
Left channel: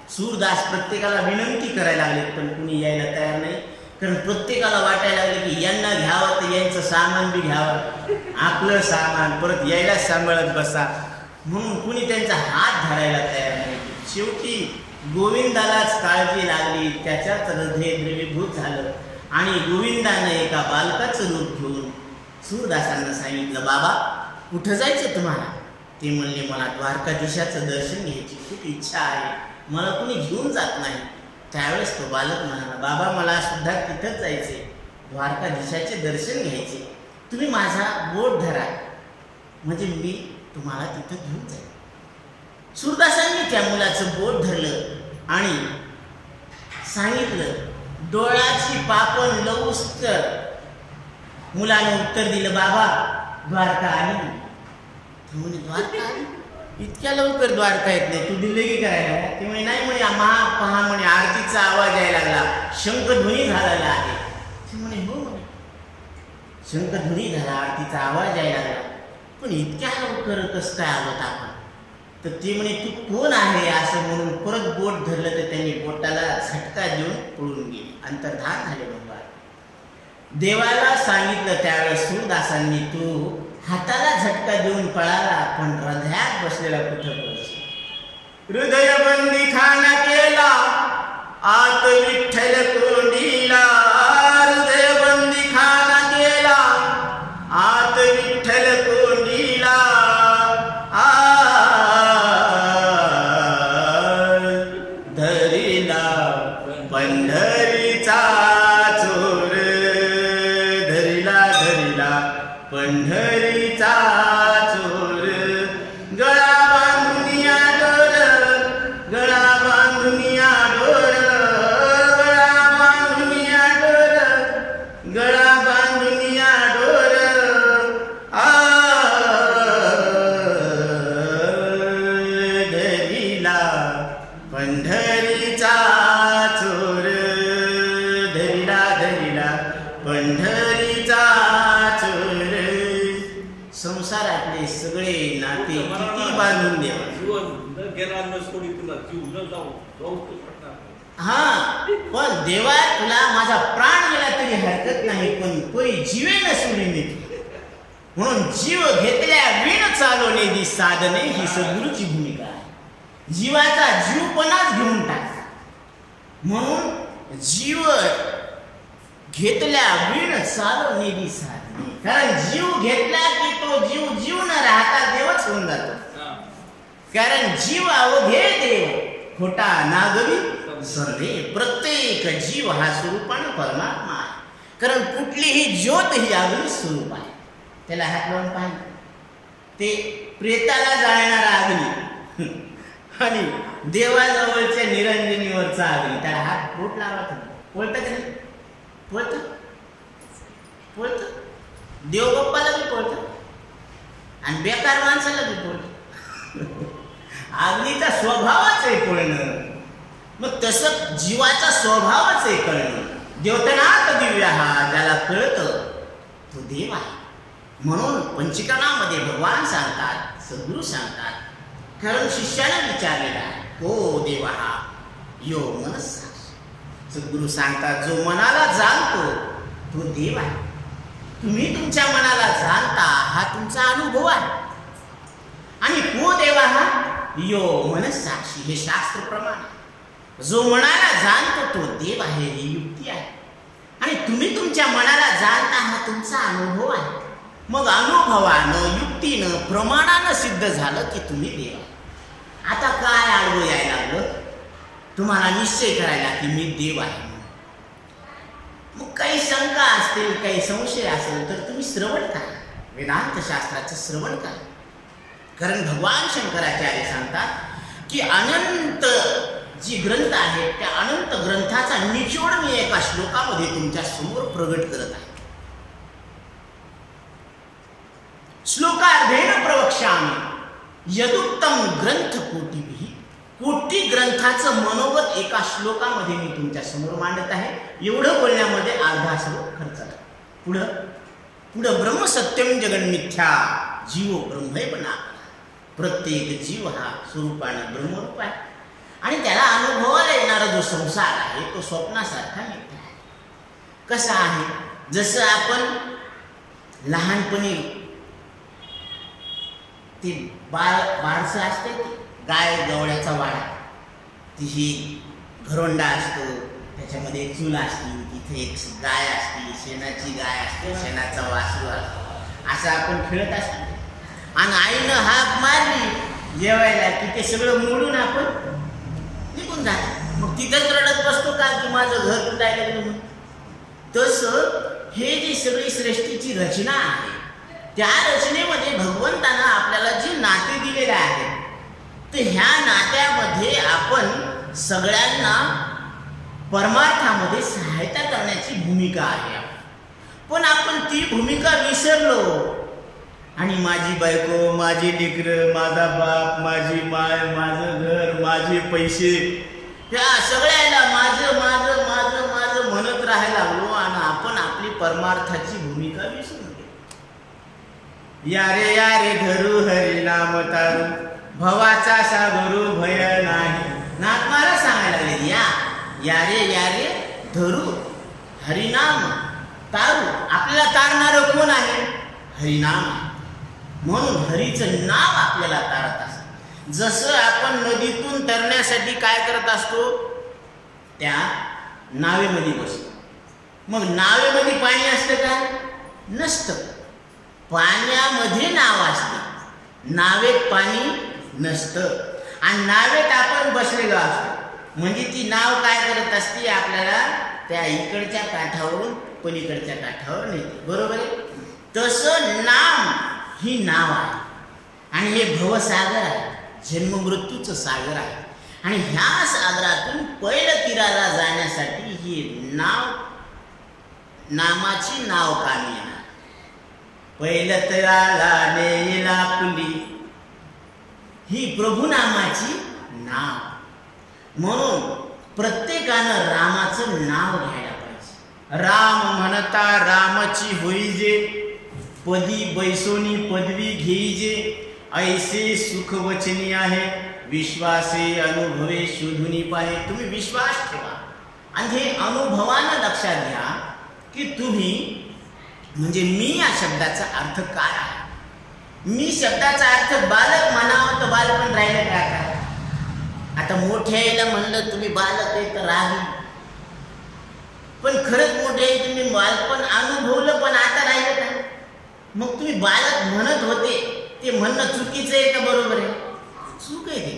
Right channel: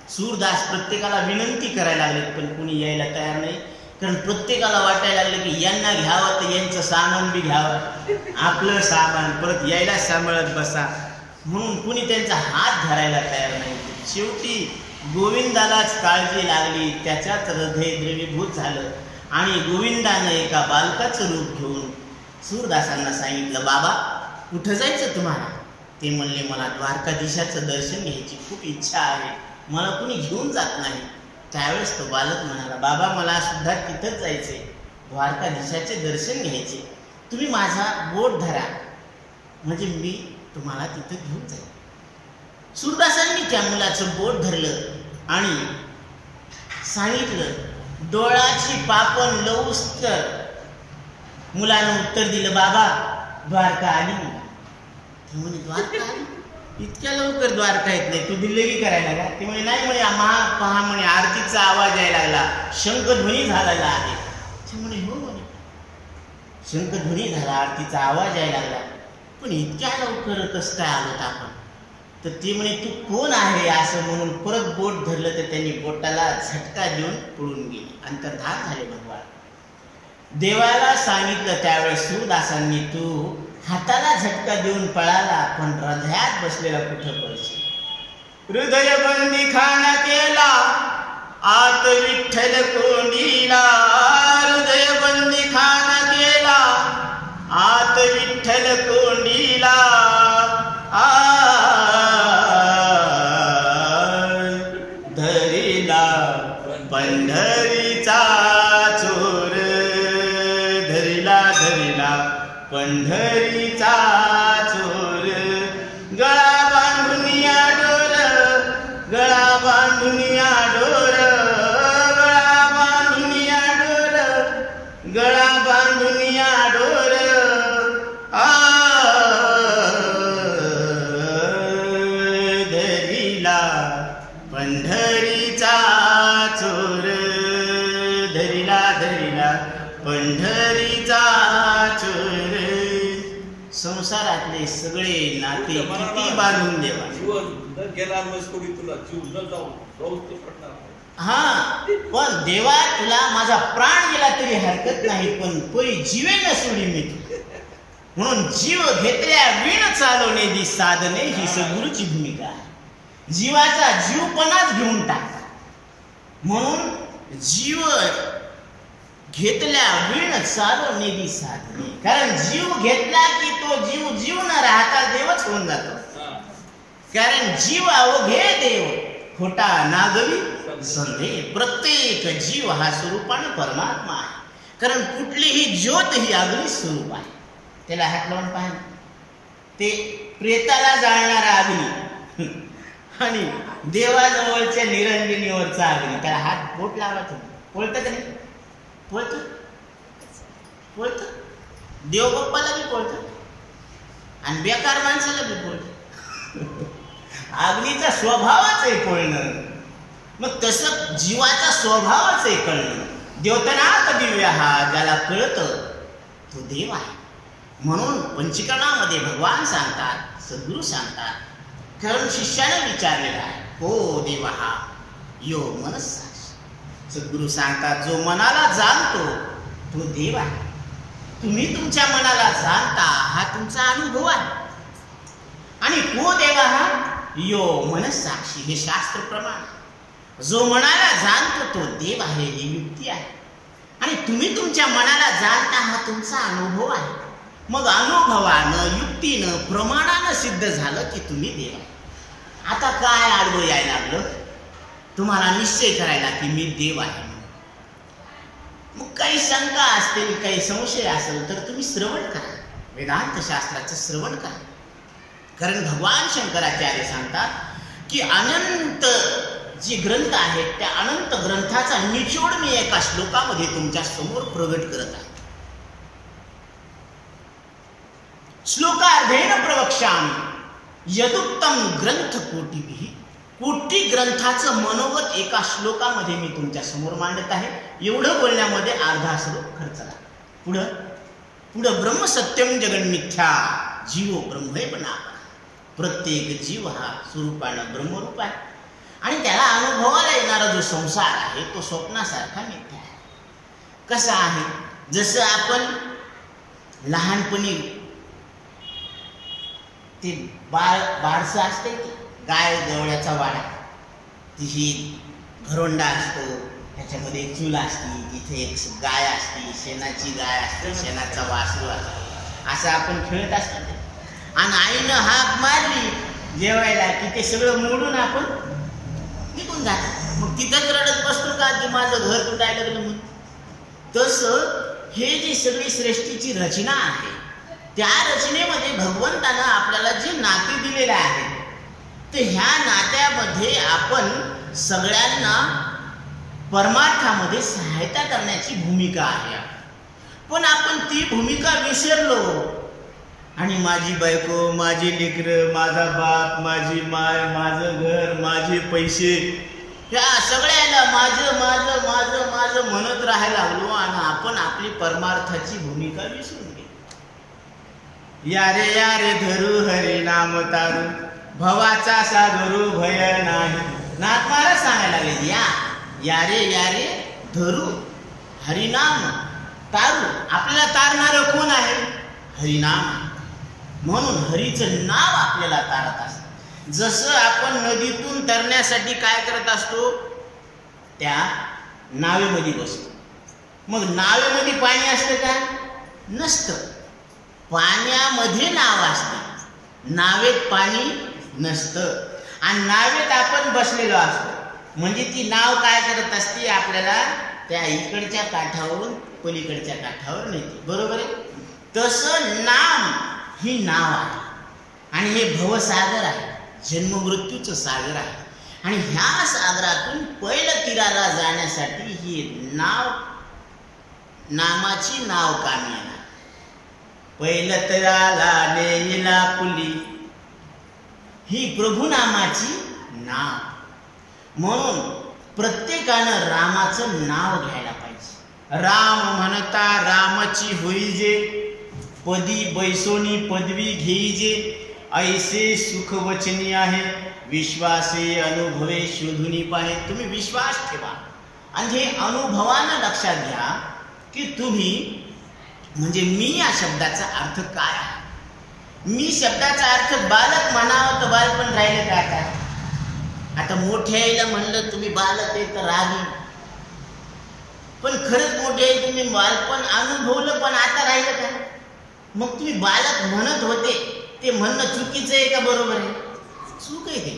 सूरदास प्रत्येकाला विनंती करायला लागले, पण कुणी यायला तयार नाही. कारण प्रत्येकाला वाटायला लागलं की यांना घ्यावं तर यांचं सामान बी घ्यावं, आपलं सामान परत यायला सांभाळत बसा, म्हणून कुणी त्यांचा हात धरायला तयार नाही. शेवटी गोविंदालाच काळजी लागली, त्याच्याच हृदय द्रवीभूत झालं आणि गोविंदानं एका बालकाचं रूप घेऊन सूरदासांना सांगितलं, बाबा कुठं जायचं तुम्हाला? ते म्हणले, मला द्वारकाधीशाचं दर्शन घ्यायची खूप इच्छा आहे, मला कुणी घेऊन जात नाही. त्यावेळेस तो बालक म्हणाला, बाबा मला सुद्धा तिथंच जायचे, द्वारकाधीशाचे दर्शन घ्यायचे, तुम्ही माझा बोट धरा म्हणजे मी तुम्हाला तिथं घेऊन जाईल. सूरदासांनी त्या मुलाचं बोट धरलं आणि सांगितलं, डोळ्याची पापण लवूस तर. मुलानं उत्तर दिलं, बाबा द्वारका आली. ते म्हणे, द्वारका आली? इतक्या लवकर द्वारका येत नाही, तू दिल्लगी करायला का? ते म्हणे, नाही म्हणे, पहा म्हणे आरतीचा आवाज यायला लागला, शंखध्वनी झालेला आहे. ते म्हणे, हो म्हणे, शंखध्वनी झाला, आरतीचा आवाज यायला लागला, पण इतक्या लवकर कसं काय आलोत आपण? तर ते म्हणे, तू कोण आहे असं म्हणून परत बोट धरलं तर त्यांनी बोटाला झटका देऊन पळून गेली, अंतर्धान झाले भगवान. देवाला सांगितलं त्यावेळेस सूरदासांनी, तू हाताला झटका देऊन पळाला पण हृदयात बसलेला कुठं पळशील? हृदय बंदी खाना केला आत विठ्ठल कोंडीला, हृदय बंदी खाना केला आत विठ्ठल कोंडीला. धरिला पंढरीचा चोर, धरिला पंढरीचा चोर. गळा बांधुनिया डोर, गळा बांधुनिया डोर, गळा बांधुनिया डोर, गळा बांधुनिया डोर. धरिला पंढरीचा चोर, धरिला पंढरीचा चोर. संसारातले सगळे नाते किती बांधून देवा. हा, पण देवा तुला माझा प्राण गेला तरी हरकत नाही, पण पै जीवे न सोडी मी तुला. म्हणून जीव घेतल्या विण चालवणे दी साधने ही सद्गुरूची भूमिका आहे. जीवाचा जीवपणाच घेऊन टाका, म्हणून जीव घेतल्या विण चालवणे दी साधने. कारण जीव घेतला की तो जीव न राहता देवच होऊन जातो. कारण जीव अवघे देव खोटा नागवी संदेह. प्रत्येक जीव हा स्वरूपानं परमात्मा आहे. कारण कुठलीही ज्योत ही अग्नी स्वरूप आहे. त्याला हात लावून पाहिजे, ते प्रेताला जाळणारा अग्नी आणि देवाजवळच्या निरंजनीवरचा अग्नी, त्याला हात बोट लावत पोळतं का नाही? पोळतं पोळतं. देवबाप्पाला बी पोळतं आणि बेकार माणसाला बी पोळतं. अग्नीचा स्वभावच आहे पोळणं. मग तसं जीवाचा स्वभावच आहे कळणं. द्योतनाथ दिव्य हा ज्याला कळतं तो देव आहे. म्हणून पंचकरणामध्ये भगवान सांगतात, सद्गुरू सांगतात, कारण शिष्यानं विचारलेला आहे, हो देवा हा यो मनस्सा. सद्गुरू सांगतात, जो मनाला जाणतो तो देव आहे. तुम्ही तुमच्या मनाला जाणता हा तुमचा अनुभव आहे. आणि को देवा हा यो मनस्साक्षी, हे शास्त्र प्रमाण. जो मनाला जाणतो तो देव आहे, ही युक्ती आहे. आणि तुम्ही तुमच्या मनाला जाणता हा तुमचा अनुभव आहे. मग अनुभवानं, युक्तीनं, प्रमाणानं सिद्ध झालं की तुम्ही देव आहे. आता काय आडवं यायला लागलं? तुम्हाला निश्चय करायला की मी देव आहे. मग काही शंका असतील, काही संशय असेल तर तुम्ही श्रवण करा, वेदांत शास्त्राचं श्रवण करा. कारण भगवान शंकराचार्य सांगतात की अनंत जी ग्रंथ आहेत त्या अनंत ग्रंथाचा निचोड मी एका श्लोकामध्ये तुमच्या समोर प्रगट करत आहे. श्लोकार्धेन प्रवक्ष्यामि यदुक्तम ग्रंथ कोटिभिः. कोटी ग्रंथाचं मनोगत एका श्लोकामध्ये मी तुमच्या समोर मांडत आहे. एवढं बोलण्यामध्ये अर्धा श्लोक खर्चला. पुढं ब्रह्म सत्यम जगन्मिथ्या जीवो ब्रह्मैव नापरा. प्रत्येक जीव हा स्वरूपानं ब्रह्मरूप आहे आणि त्याला अनुभवाला येणारा जो संसार आहे तो स्वप्नासारखा मिथ्या आहे. कसा आहे? जसं आपण लहानपणी ते बारसं असते की गाय गवळ्याचा वाडा, तिही घरोंडा असतो, त्याच्यामध्ये एक चूल असते, तिथे एक गाय असते, शेणाची गाय असते, शेणाचा वासरू असतो, असं आपण खेळत असतो. आणि आईनं हाक मारली जेवायला की ते सगळं मोडून आपण निघून जातो. मग तिथंच रडत बसतो का की माझं घर तुटायला लागलं म्हणून? तसं हे जी सगळी सृष्टीची रचना आहे, त्या रचनेमध्ये भगवंतानं आपल्याला जे नाते दिलेले आहे, तर ह्या नात्यामध्ये आपण सगळ्यांना परमार्थामध्ये सहायता करण्याची भूमिका आहे. पण आपण ती भूमिका विसरलो आणि माझी बायको, माझी लेकरं, माझा बाप, माझी माय, माझं घर, माझे पैसे, या सगळ्याला माझं माझं माझं माझं म्हणत राहायला लागलो आणि आपण आपली परमार्थाची भूमिका विसरून गेलो. या रे धरू हरी नाम तारू, भवाचा सागरू भय नाही. नाथ महाराज सांगायला लागले, या रे धरू हरिनाम तारू. आपल्याला तारणारं कोण आहे? हरिनाम. म्हणून हरीचं नाव आपल्याला तारत असतं. जसं आपण नदीतून तरण्यासाठी काय करत असतो? त्या नावेमध्ये बसतो. मग नावेमध्ये पाणी असतं का? नसतं. पाण्यामध्ये नाव असते, नावेत पाणी नसतं. आणि नावेत आपण बसलेलो असतो, म्हणजे ती नाव काय करत असते? आपल्याला त्या इकडच्या काठावरून पलीकडच्या काठावर नेते. बरोबर आहे? तसं नाम ही नाव आहे आणि हे भवसागर आहे, जन्ममृत्यूचं सागर आहे. आणि ह्या सागरातून पहिलं तीराला जाण्यासाठी ही नामाची नाव कामी येणार. पहिलं तीराला नेईला पुली, ही प्रभुनामाची नाव. म्हणून प्रत्येकानं रामाचं नाव घ्यायला पाहिजे. राम म्हणता रामाची होईजे, पदी बैसोनी पदवी घेईजे, ऐसे सुख वचनी आहे, विश्वासे अनुभवे शोधूनी पाहे. तुम्ही विश्वास ठेवा आणि हे अनुभवानं लक्षात घ्या की तुम्ही म्हणजे मी या शब्दाचा अर्थ काय आहे. मी शब्दाचा अर्थ बालक म्हणावं तर बालपण राहिलं का? काय आता मोठ्याला म्हणलं तुम्ही बालक आहे तर रागी, पण खरंच मोठे आहे तुम्ही बालपण अनुभवलं पण आता राहिलं का? मग तुम्ही बालक म्हणत होते ते म्हणणं चुकीचं आहे का बरोबर आहे? चूक आहे ते.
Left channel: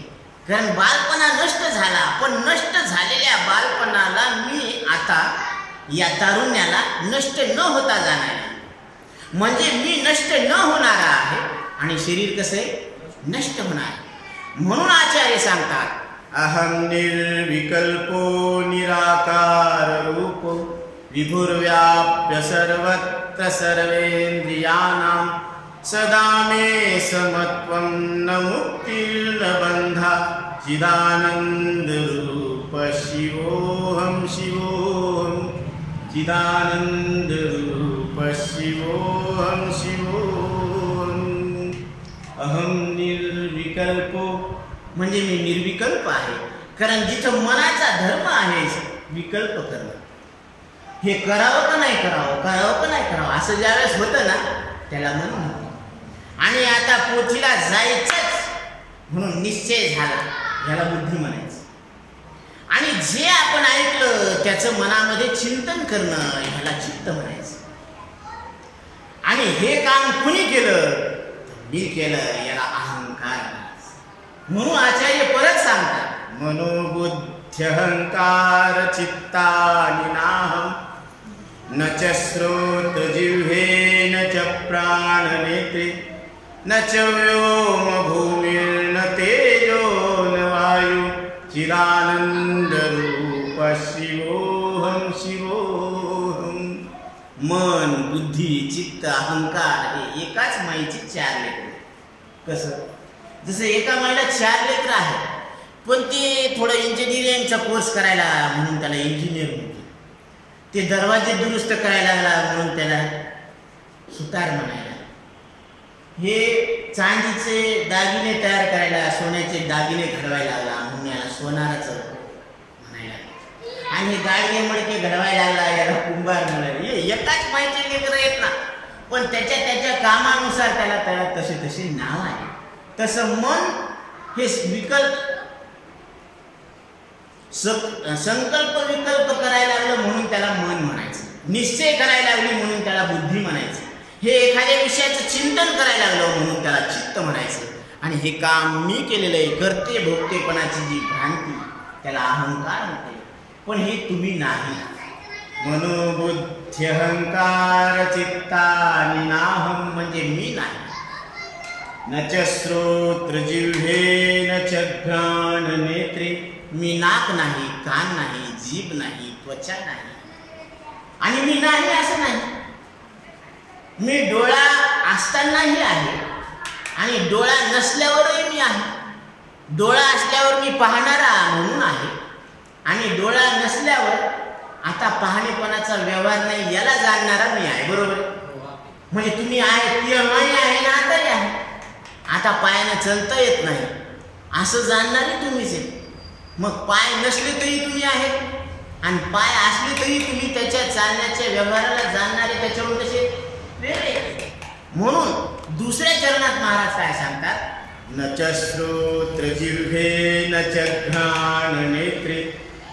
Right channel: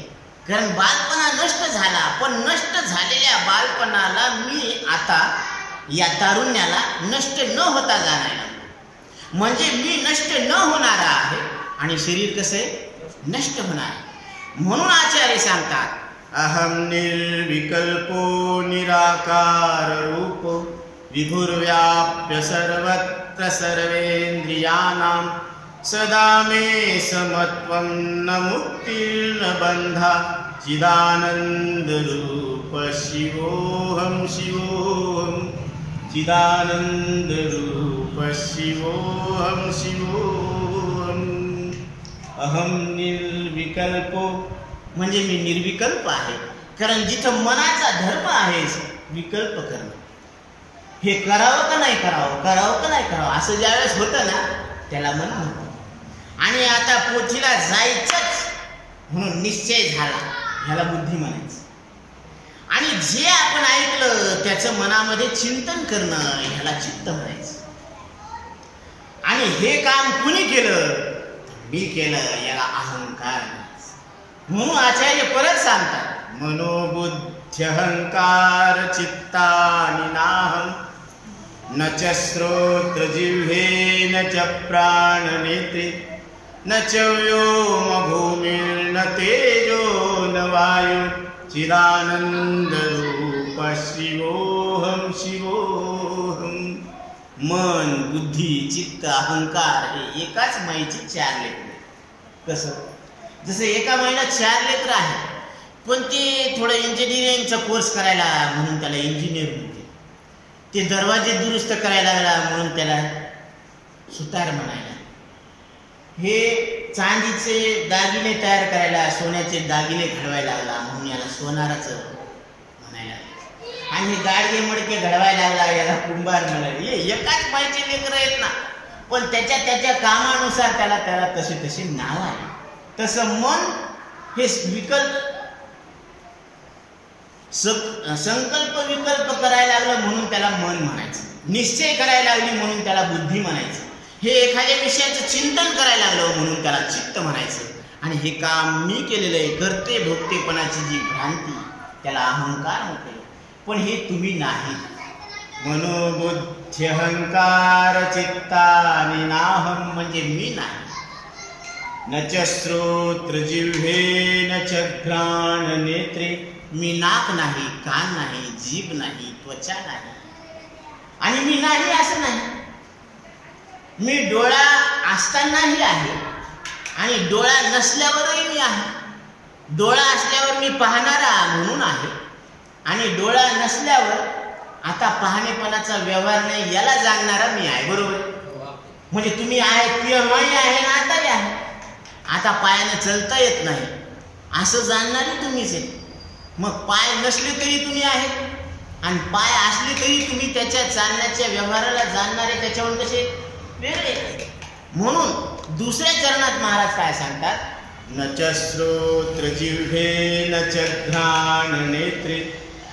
कारण बालपणा नष्ट झाला, पण नष्ट झालेल्या बालपणाला मी आता या तारुण्याला नष्ट न होता जाणायला, म्हणजे मी नष्ट न होणारा आहे आणि शरीर कसं आहे? नष्ट होणार आहे. म्हणून आचार्य सांगतात, अहम निर्विकल्पो निराकार रूपो विभुर्व्याप्य सर्वत्र सर्वेन्द्रियाणां सदा मे समत्वं न मुक्तिर्न बंधा चिदानंद रूप शिवोहम शिवोहम चिदानंद रूप शिवोहम शिवोहम. अहम निर्विकल्पो म्हणजे मी निर्विकल्प आहे. कारण जिथं मनाचा धर्म आहे विकल्प करणं, हे करावं का नाही करावं, करावं का नाही करावं असं ज्यावेळेस होतं ना त्याला मन म्हणते. आणि आता पोथीला जायचंच म्हणून निश्चय झाला, ह्याला बुद्धी म्हणायचं. आणि जे आपण ऐकलं त्याचं मनामध्ये चिंतन करणं ह्याला चित्त म्हणायचं. आणि हे काम कुणी केलं? मी केलं, याला अहंकार म्हणायचं. म्हणून आचार्य परत सांगतात, मनोबुद्ध्यहंकार चित्तानि नाहं न च श्रोत्र जिह्वे न च प्राणनेत्रे न च व्योम भूमिर्न तेजो न वायु चिदानंद रूप शिवोहम शिवोहम. मन, बुद्धी, चित्त, अहंकार हे एकाच माईची 4 लेकरं. कसं? जसं एका माईला 4 लेकरं आहेत, पण ते थोडं इंजिनिअरिंगचा कोर्स करायला म्हणून त्याला इंजिनियर म्हणते. ते दरवाजे दुरुस्त करायला लागला म्हणून त्याला सुतार म्हणायला. हे चांदीचे दागिने तयार करायला, सोन्याचे दागिने घडवायला लागला म्हणून याला सोनाराचं म्हणायला लागले. आणि हे गाडगे मडके घडवायला लागला, याला कुंभार म्हणाले. एकाच माईचे लेकरं आहेत ना, पण त्याच्या कामानुसार त्याला तशी नाव आहे. तसं मन हे संकल्प विकल्प करायला लागलं म्हणून त्याला मन म्हणायचं, निश्चय करायला लागली म्हणून त्याला बुद्धी म्हणायचं, हे एखाद्या विषयाचं चिंतन करायला लागलं म्हणून त्याला चित्त म्हणायचं. आणि हे काम मी केलेलं आहे, करते भोगतेपणाची जी भ्रांती त्याला अहंकार म्हटलं. पण हे तुम्ही नाही. मनोबुद्धी अहंकार चित्तानि नाहम म्हणजे मी नाही. न च श्रोत्र जिह्वे न च घ्राण नेत्रे, मी नाक नाही, कान नाही, जीभ नाही, त्वचा नाही. आणि मी नाही असं नाही, मी डोळा असतानाही आहे आणि डोळा नसल्यावरही मी आहे. डोळा असल्यावर मी पाहणारा म्हणून आहे आणि डोळा नसल्यावर आता पाहणेपणाचा व्यवहार नाही याला जाणणारा मी आहे. बरोबर? म्हणजे तुम्ही आहे तेव्हाही आहे ना आताही आहे. आता पायानं चलता येत नाही असं जाणणारी तुम्हीच आहेत. मग पाय नसले तरी तुम्ही आहेत आणि पाय असले तरी तुम्ही त्याच्या चालण्याच्या व्यवहाराला जाणणारे त्याच्याहून कसे वेगळे. म्हणून दुसऱ्या चरणात महाराज काय सांगतात, न च श्रोत्र जिह्वे न च घ्राण नेत्रे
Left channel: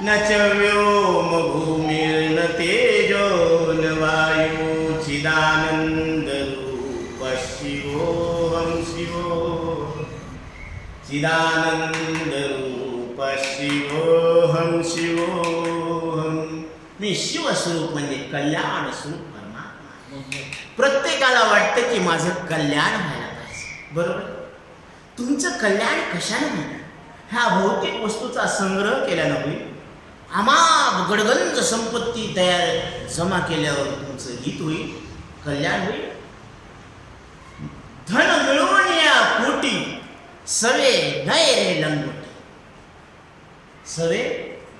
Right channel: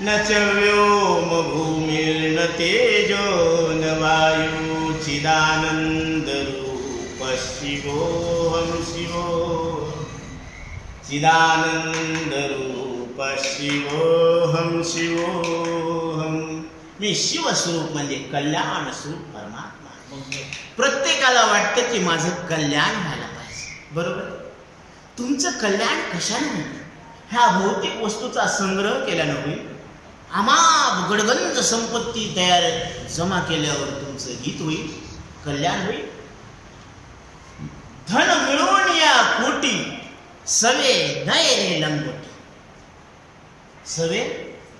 न च व्योम भूमिर्न तेजो न वायु चिदानंद रूप शिवोऽहं शिवो चिदानंद रूप शिवोऽहं शिवोऽहं. मी शिवस्वरूप म्हणजे कल्याण स्वरूप परमात्मा. प्रत्येकाला वाटतं की माझं कल्याण व्हायला पाहिजे. बरोबर? तुमचं कल्याण कशाने होईल? ह्या भौतिक वस्तूचा संग्रह केल्यानं होईल. अमाप गडगंज संपत्ती तयार जमा केल्यावर तुमचं हित होईल, कल्याण होईल. धन मिळवून या कोटी सवे नये रे लंगोटी, सवे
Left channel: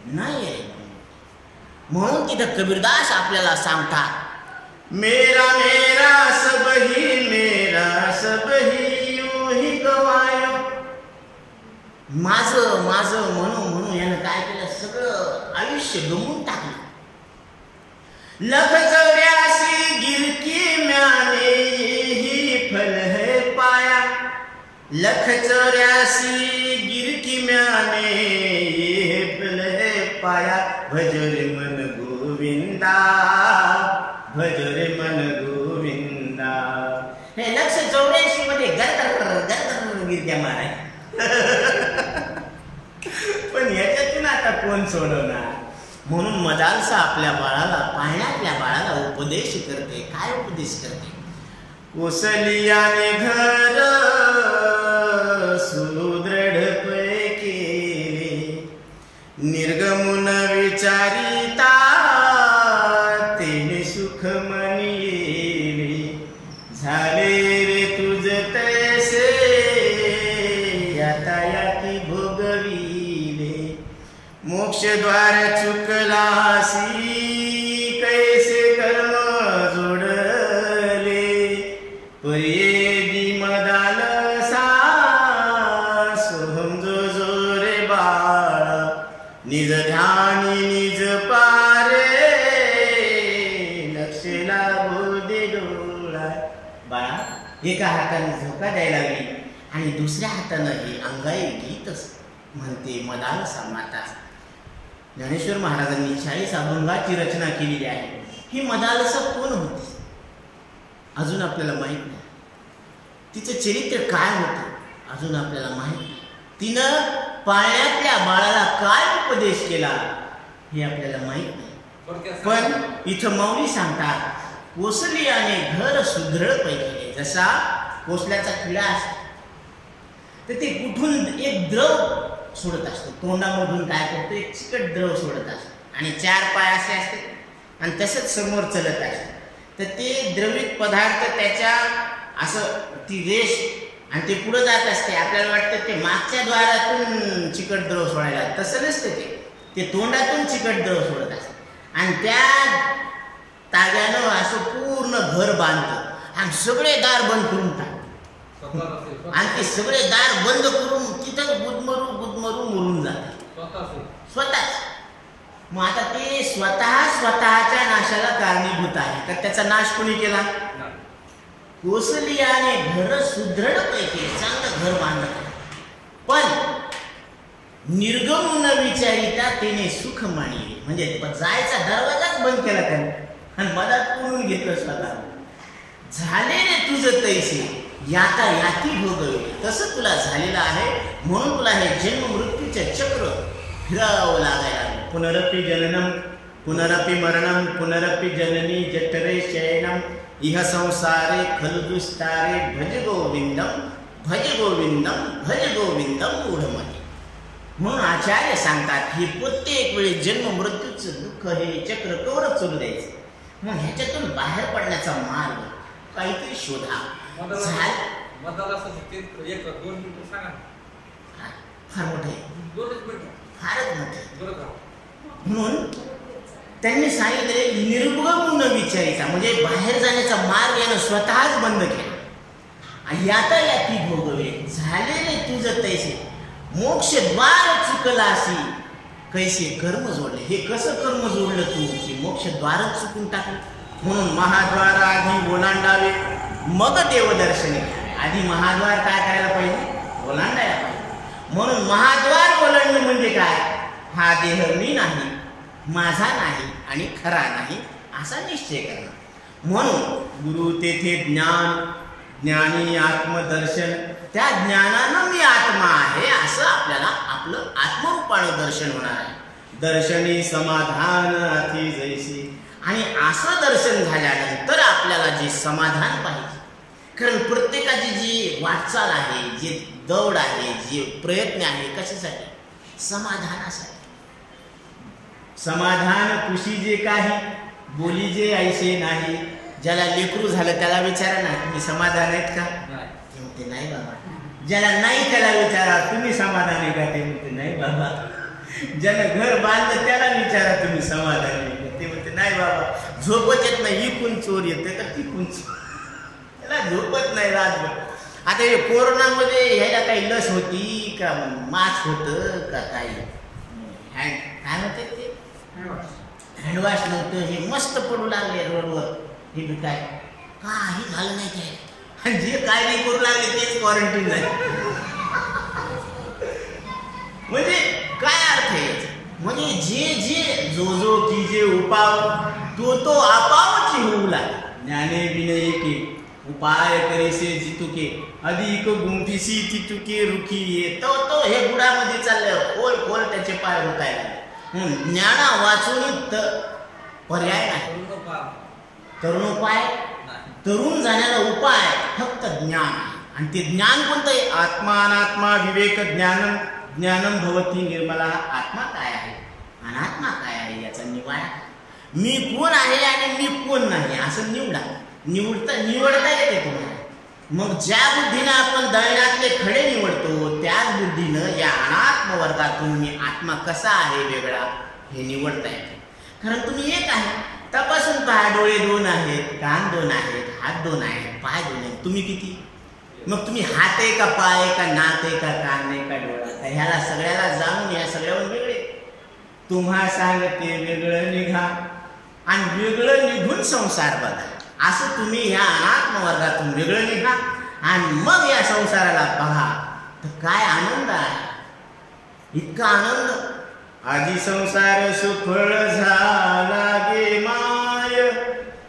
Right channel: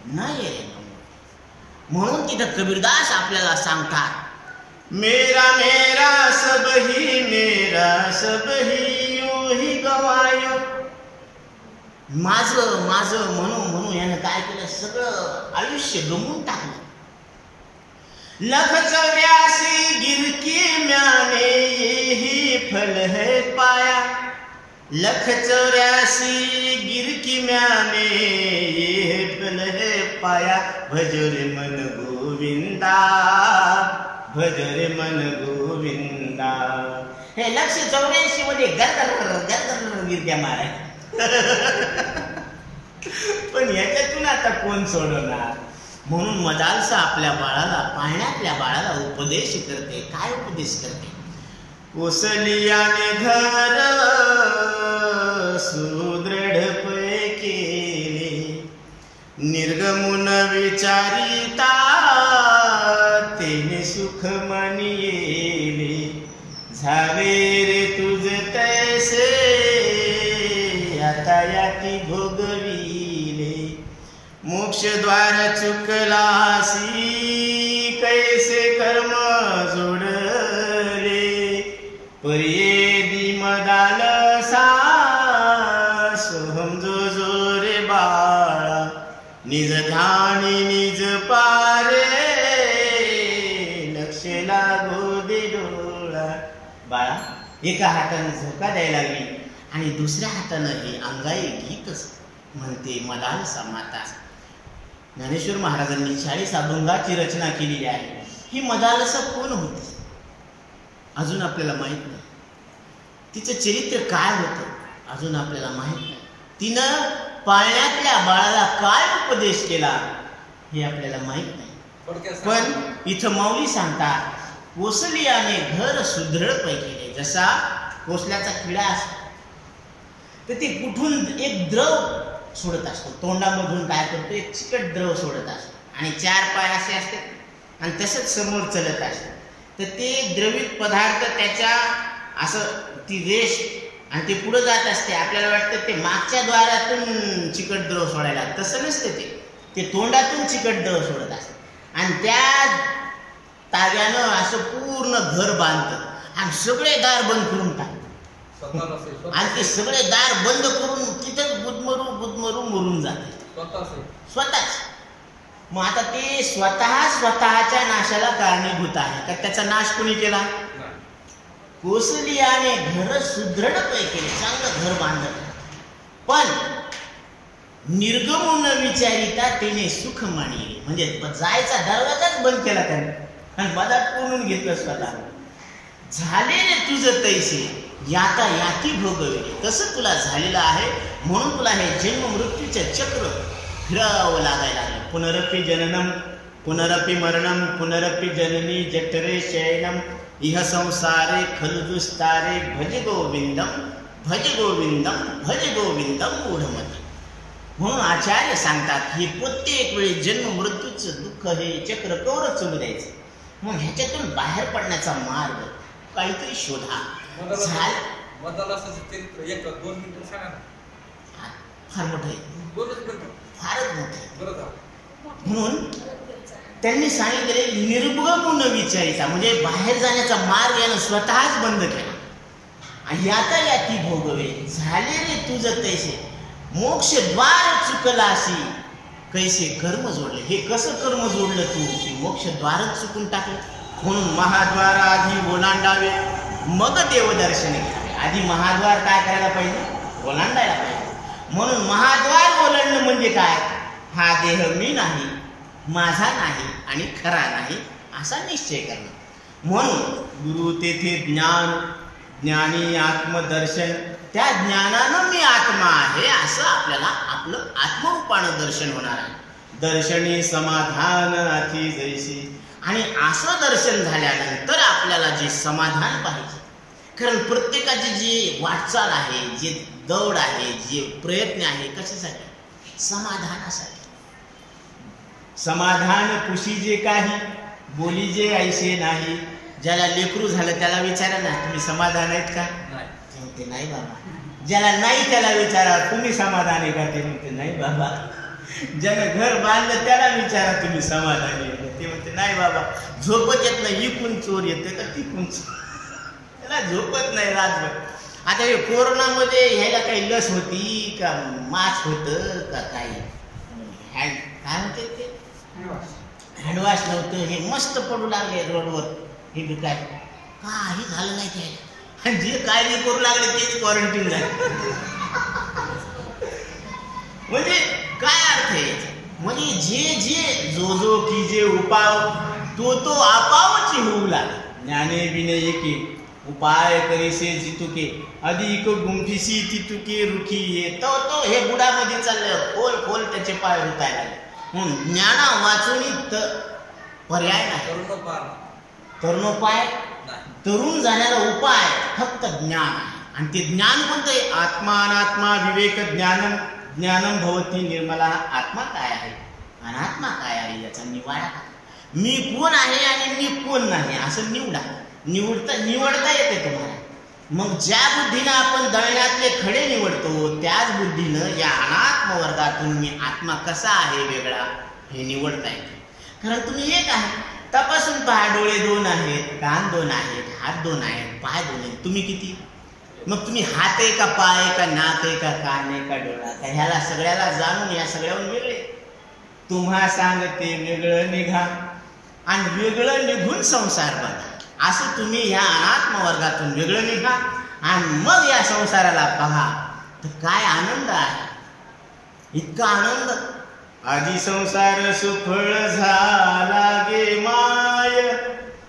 नये रे लंगोटी. म्हणून तिथं कबीरदास आपल्याला सांगतात, मेरा मेरा सब ही यूं ही गवायो. माझं माझं म्हणून यानं काय केलं, सगळं आयुष्य गमवून टाकलं. 184 गिरकी म्याने यही फल है पाया. 184 गिरकी म्याने ये फल है पाया. भज रे मन गोविंदा, भज रे मन गोविंदा. हे 184 मध्ये गरगर गिरक्या माराय. पण याच्यातून आता कोण सोडवणार? म्हणून मदालसा आपल्या बाळाला, पाळण्यातल्या बाळाला उपदेश करते. काय उपदेश करते? कोसलियाने घर सुदृढ पै केले, निर्गमुन विचारिता तेने सुख मानिले. झाले रे तुझ तैसे आता याती भोगविले. मोक्षद्वार चुकलासी कैसे कर्म जोडले. पर्येदी मदालसा सोहम जो जो रे बाळा. निज ध्यानी निज पारे लक्ष लागो दे डोळा. बाळा एका हाताने झोका द्यायला लागली आणि दुसऱ्या हातानं हे अंगाई गीत म्हणते मदालसा माता. ज्ञानेश्वर महाराजांनी 40 अभंगाची रचना केलेली आहे. ही मदालसा कोण होती अजून आपल्याला माहीत नाही. तिचं चरित्र काय होतं अजून आपल्याला माहीत नाही. तिनं पाळण्यातल्या बाळाला काय उपदेश केला हे आपल्याला माहीत नाही. पण इथं माऊली सांगतात, कोसलियाने घर सुदृढ पै केले. जसा कोसल्याचा किडा असतो तर ते कुठून एक द्रव सोडत असतो, तोंडामधून काय करतो, एक चिकट द्रव सोडत असतो आणि 4 पाय असे असतात आणि तसंच समोर चलत असते. तर ते द्रवित पदार्थ त्याच्या असं ती रेष आणि ते पुढं जात असते. आपल्याला वाटतं ते मागच्या द्वारातून चिकट द्रव सोडायला, तसं नसते. ते तोंडातून चिकट द्रव सोडत असते आणि त्या ताग्यानं असं पूर्ण घर बांधतं आणि सगळे दार बंद करून टाकतं आणि ते सगळे दार बंद करून तिथंच गुदमरू मरून जाते स्वतःच. मग आता ते स्वतःच्या नाशाला कारणीभूत आहे का त्याचा नाश कोणी केला? कोसलियाने घर सुदृढ केले, चांगलं घर बांधलं, पण निर्गम न विचारिता त्याने सुख मानिले, म्हणजे जायचा दरवाजाच बंद केला त्याने आणि मधात कोणून घेतलं स्वतः. झाले रे तुझं तैसे याता याती भोगविले, तसं तुला झालेलं आहे, म्हणून तुला हे जन्म मृत्यूचे चक्र फिरावं लागायला लागलं. पुनरपि जननम पुनरपि मरणम पुनरपि जननी जठरे शयनम इह संसारे खलु दुस्तारे भज गोविंदम भज गोविंदम भज गोविंदम मूढमती. म्हणून आचार्य सांगतात ही प्रत्येक वेळी जन्म मृत्यूचं दुःख हे चक्र कवरच चालू द्यायचं. मग ह्याच्यातून बाहेर पडण्याचा मार्ग काहीतरी शोधा. फार मोठं आहे, फारच मोठं. म्हणून त्यांनी सांगितले निर्गम न विचारिता, म्हणजे बाहेर जाण्याचा मार्ग यानं स्वतःच बंद केला. याता याती भोगवे झाले रे तुझं तैसे मोक्ष द्वार चुकलासी कैसे कर्म जोडले. हे कसं कर्म जोडलं तू की मोक्ष द्वारच चुकून टाकलं. म्हणून महाद्वार आधी ओलांडावे मग देवदर्शन घ्यावे. आधी महाद्वार काय करायला पाहिजे? ओलांडायला पाहिजे. म्हणून महाद्वार ओलांडणं म्हणजे काय? हा देह मी नाही, माझा नाही आणि खरा नाही असा निश्चय करणं. म्हणून गुरु तेथे ज्ञान, ज्ञानी आत्मदर्शन, त्या ज्ञानानं मी आत्मा आहे असं आपल्याला आपलं आत्मरूपानं दर्शन होणार आहे. दर्शनी समाधान अति जैसी, आणि असं दर्शन झाल्यानंतर आपल्याला जे समाधान पाहिजे, कारण प्रत्येकाची जी वाटचाल आहे, जे दौड आहे, जे प्रयत्न आहे, कशासाठी? समाधानासाठी. समाधान कुशी जे काही बोली जे ऐसे नाही. ज्याला लेकरू झालं त्याला विचारा ना तुम्ही समाधान आहेत का? ते म्हणते नाही बाबा. ज्याला नाही त्याला विचारा तुम्ही समाधान आहे का? ते म्हणते नाही बाबा. ज्यानं घर बांधलं त्याला विचारा तुम्ही समाधानी आहे का? ते म्हणते नाही बाबा. झोपत येत नाही, इकून चोर येते का तिकून चोर, त्याला झोपत नाही रातभर. आता हे कोरोनामध्ये ह्याला काही लस होती का, मास्क होतं का, काही काय म्हणते ते हँडवॉश नव्हतं, हे मस्त पडू लागले रोडवर हे दुकान, काही झालं नाही त्याला. आणि जे काय नाही करू लागले तेच क्वारंटीन झाले. म्हणजे काय अर्थ आहे याचा? म्हणजे जे जो की जे उपाव तो आपावची होऊ लागला. ज्ञाने विनय एके उपाय करीसे जितुके अधिक गुंफिसी तितुके रुखी ये. तो हे बुडामध्ये चाललं खोल त्याचे पाय रुतायला लागले. म्हणून ज्ञाना वाचून पर्याय नाही. तरुणोपाय, तरुण जाण्याला उपाय फक्त ज्ञान आहे. आणि ते ज्ञान कोणतं आहे? आत्मा अनात्मा विवेक ज्ञानम ज्ञानम भवती निर्मला. आत्मा काय आहे, अनात्मा काय आहे याचा निवाडा काय? मी कोण आहे आणि मी कोण नाही असं निवडता येते तुम्हाला. मग ज्या बुद्धीनं आपण दळण्यातले खडे निवडतो त्याच बुद्धीनं या अनात्म वर्गातून मी आत्मा कसा आहे वेगळा हे निवडता येते. कारण तुम्ही एक आहे. तपासून पहा, डोळे 2 आहेत, कान 2 आहेत, हात 2 आहेत, पाय 2 आहेत, तुम्ही किती? मग तुम्ही हात आहे का, पाय आहे का, नाक आहे का, कान आहे का, डोळा का, ह्याला सगळ्याला जाणून या सगळ्याहून वेगळे. तुम्हा सांगते वेगळं निघा आणि वेगळं निघून संसार बघा. असं तुम्ही ह्या अनात्म वर्गातून वेगळं निघा आणि मग या संसाराला बघा तर काय आनंद आहे. इतका आनंद. आजी संसार सुफळ झाला गे माय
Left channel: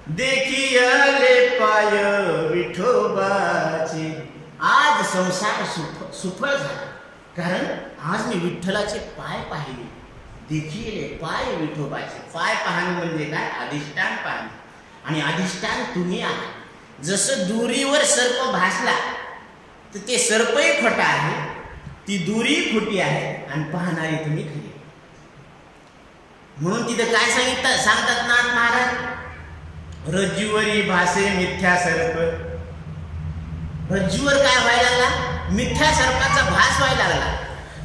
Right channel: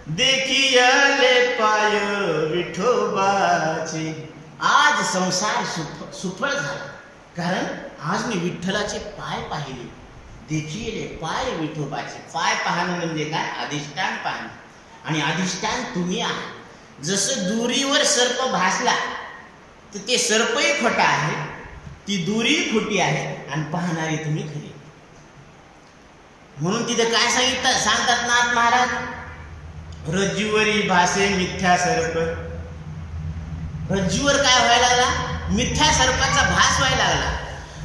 देखियले पाय विठोबाचे. आज संसार सुफळ झाला कारण आज मी विठ्ठलाचे पाय पाहिले. देखियले पाय विठोबाचे. पाय पाहणं म्हणजे काय? अधिष्ठान पाहणं. आणि अधिष्ठान तुम्ही आहात. जसं दोरीवर सर्प भासला तर ते सर्पही खोटा आहे, ती दोरी खोटी आहे आणि पाहणारी तुम्ही खरी. म्हणून तिथे काय सांगतात नाथ महाराज? रज्जूवरी भासे मिथ्या सर्प. रज्जूवर काय व्हायला लागला? मिथ्या सर्पाचा भास व्हायला लागला.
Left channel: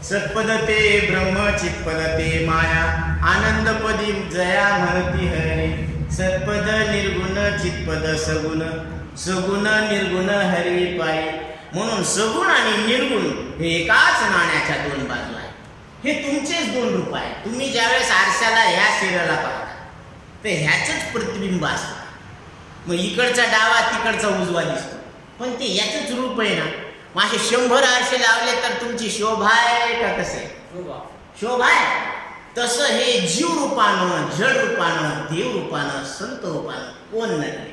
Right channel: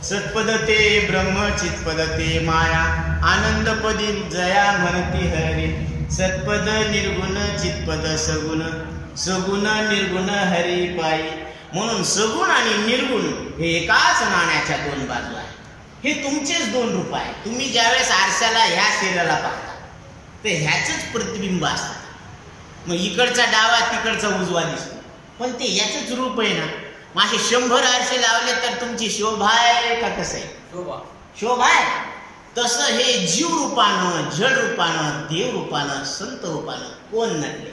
सत्पद ते ब्रह्म चित्पद ते माया आनंदपदी जया म्हणती हरी. सत्पद निर्गुण चित्पद सगुण सगुण निर्गुण हरी पायी. म्हणून सगुण आणि निर्गुण हे एकाच नाण्याच्या 2 बाजू आहेत. हे तुमचेच 2 रूप आहे. तुम्ही ज्यावेळेस आरशाला ह्या शरीराला पाहता तर ह्याचंच प्रतिबिंब असतं. मग इकडचा डावा तिकडचा उजवा दिसतो, पण ते याचंच रूप आहे ना. मग असे 100 आरसे लावले तर तुमची शोभा आहे का? कसं आहे? शोभा आहे. तसं हे जीव रूपानं, जड रूपानं, देव रूपानं, संत रूपानं कोण नडले?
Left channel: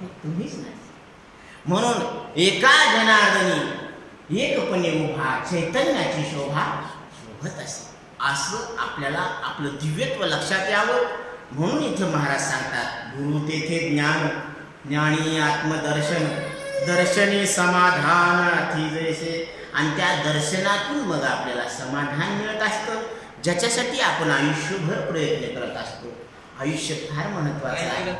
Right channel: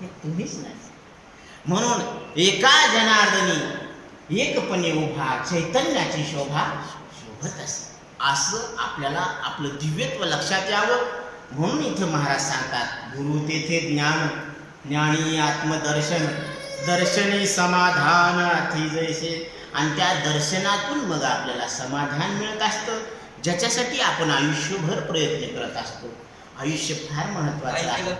हे तुम्हीच नडले. म्हणून एका जनार्दनी एकपणे उभा चैतन्याची शोभा शोभत असे, असं आपल्याला आपलं दिव्यत्व लक्षात यावं. म्हणून इथं महाराज सांगतात, गुरु तेथे ज्ञान, ज्ञानी आत्मदर्शन, दर्शनी समाधान अति जैसे. आणि त्या दर्शनातून मग आपल्याला समाधान मिळत असतं, ज्याच्यासाठी आपण आयुष्यभर प्रयत्न करत असतो. आयुष्य फार महत्वाचं आहे.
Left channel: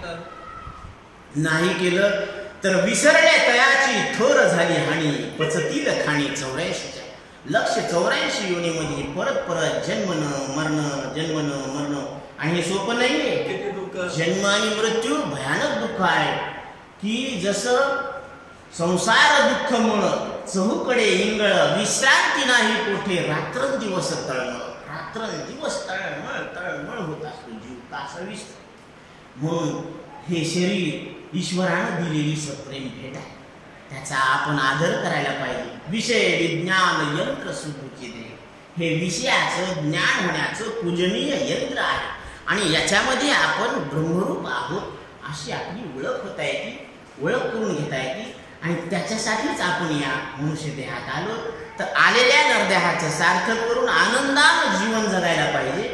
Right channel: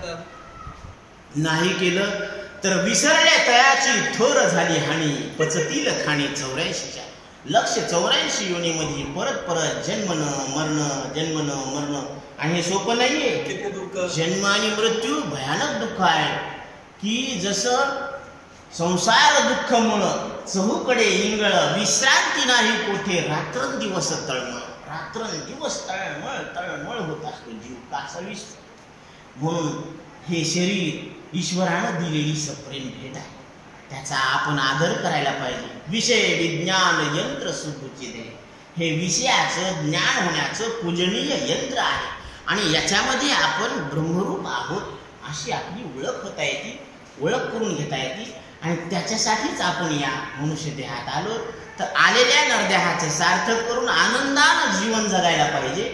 नाही केलं तर विसरल्या तयाची थोर झाली हानी, पचतील खाणी 84च्या. लक्ष 84 योनीमध्ये परत परत जन्मनं मरणं, जन्मनं मरणं. आणि हे सोपं नाहीये. जन्म आणि मृत्यू भयानक दुःख आहे. की जसं संसार दुःख मुळ चहूकडे इंगळ, विश्रांती नाही कोठे, रात्रंदिवस तळमळ. रात्रंदिवस तळमळ तळमळ होत असतो जीव कासावीस. म्हणून हे शरीर ईश्वरानं दिलेली सप्रेम भेट आहे, त्याचा आपण आदर करायला पाहिजे. विषय विज्ञान यंत्र सुखुची दे, हे विषयाचं ज्ञान होण्याचं पूजनीय यंत्र आहे. आणि याच्यामध्ये आपण ब्रह्मरूप आहोत अशी आपली ओळख होता येते, ओळख करून घेता येते. आणि त्याच्यासाठीच आपण या मनुष्य देहात आलो. तर आलेल्या नरदेहाचं सार्थक करून आनंदानं जीवन जगायला पाहिजे,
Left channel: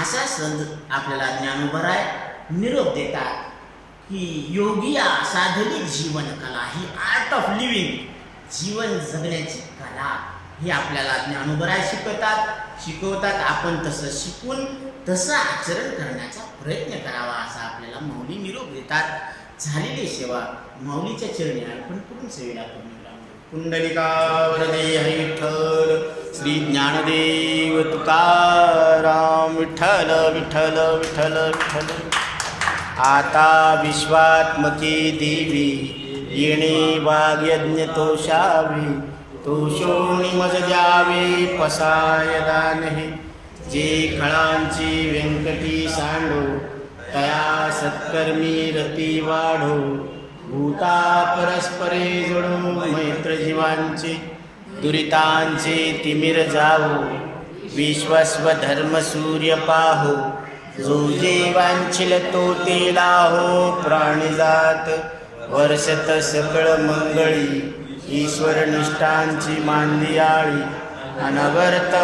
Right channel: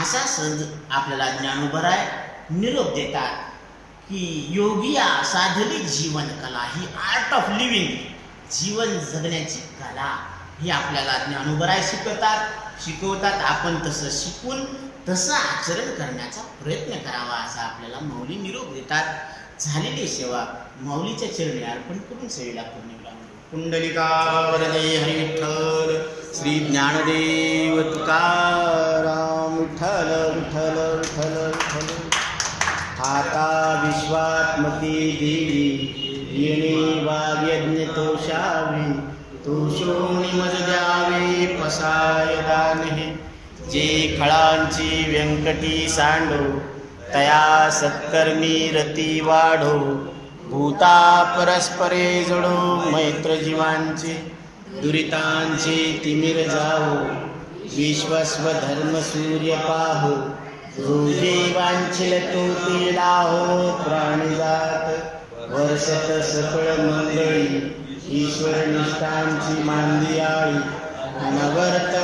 असा सद आपल्याला ज्ञानोबराय निरोप देतात की योगिया साधली जीवन कला, ही आर्ट ऑफ लिव्हिंग, जीवन जगण्याची कला ही आपल्याला ज्ञानोबराय शिकवतात. आपण तसं शिकून तसं आचरण करण्याचा प्रयत्न करावा, असा आपल्याला माऊली निरोप देतात. झालेली सेवा माऊलीच्या चरणी अर्पण करून सेवेला पूर्णविराम देऊ. कुंडलिका वरदे हरी विठ्ठल, श्री ज्ञानदेव तुकाराम. विठ्ठल विठ्ठल विठ्ठल विठ्ठल. आता विश्वात्मके देवी, येणे वाग्यज्ञ तोषावे, तोषोनी मज द्यावे पसाय दानही. जे खळांची व्यंकटी सांडो, तया सत्कर्मी रती वाढो. भूता परस्परे जोडो, मैत्र जीवांचे दुरितांचे तिमिर जावो. विश्वस्व धर्म सूर्य पाहो, जो जीवांचिल तो ते लाहो. प्राणिजात वर्षत सकळ मंगळी, ईश्वर निष्ठांची मांदियाळी. अनवर्त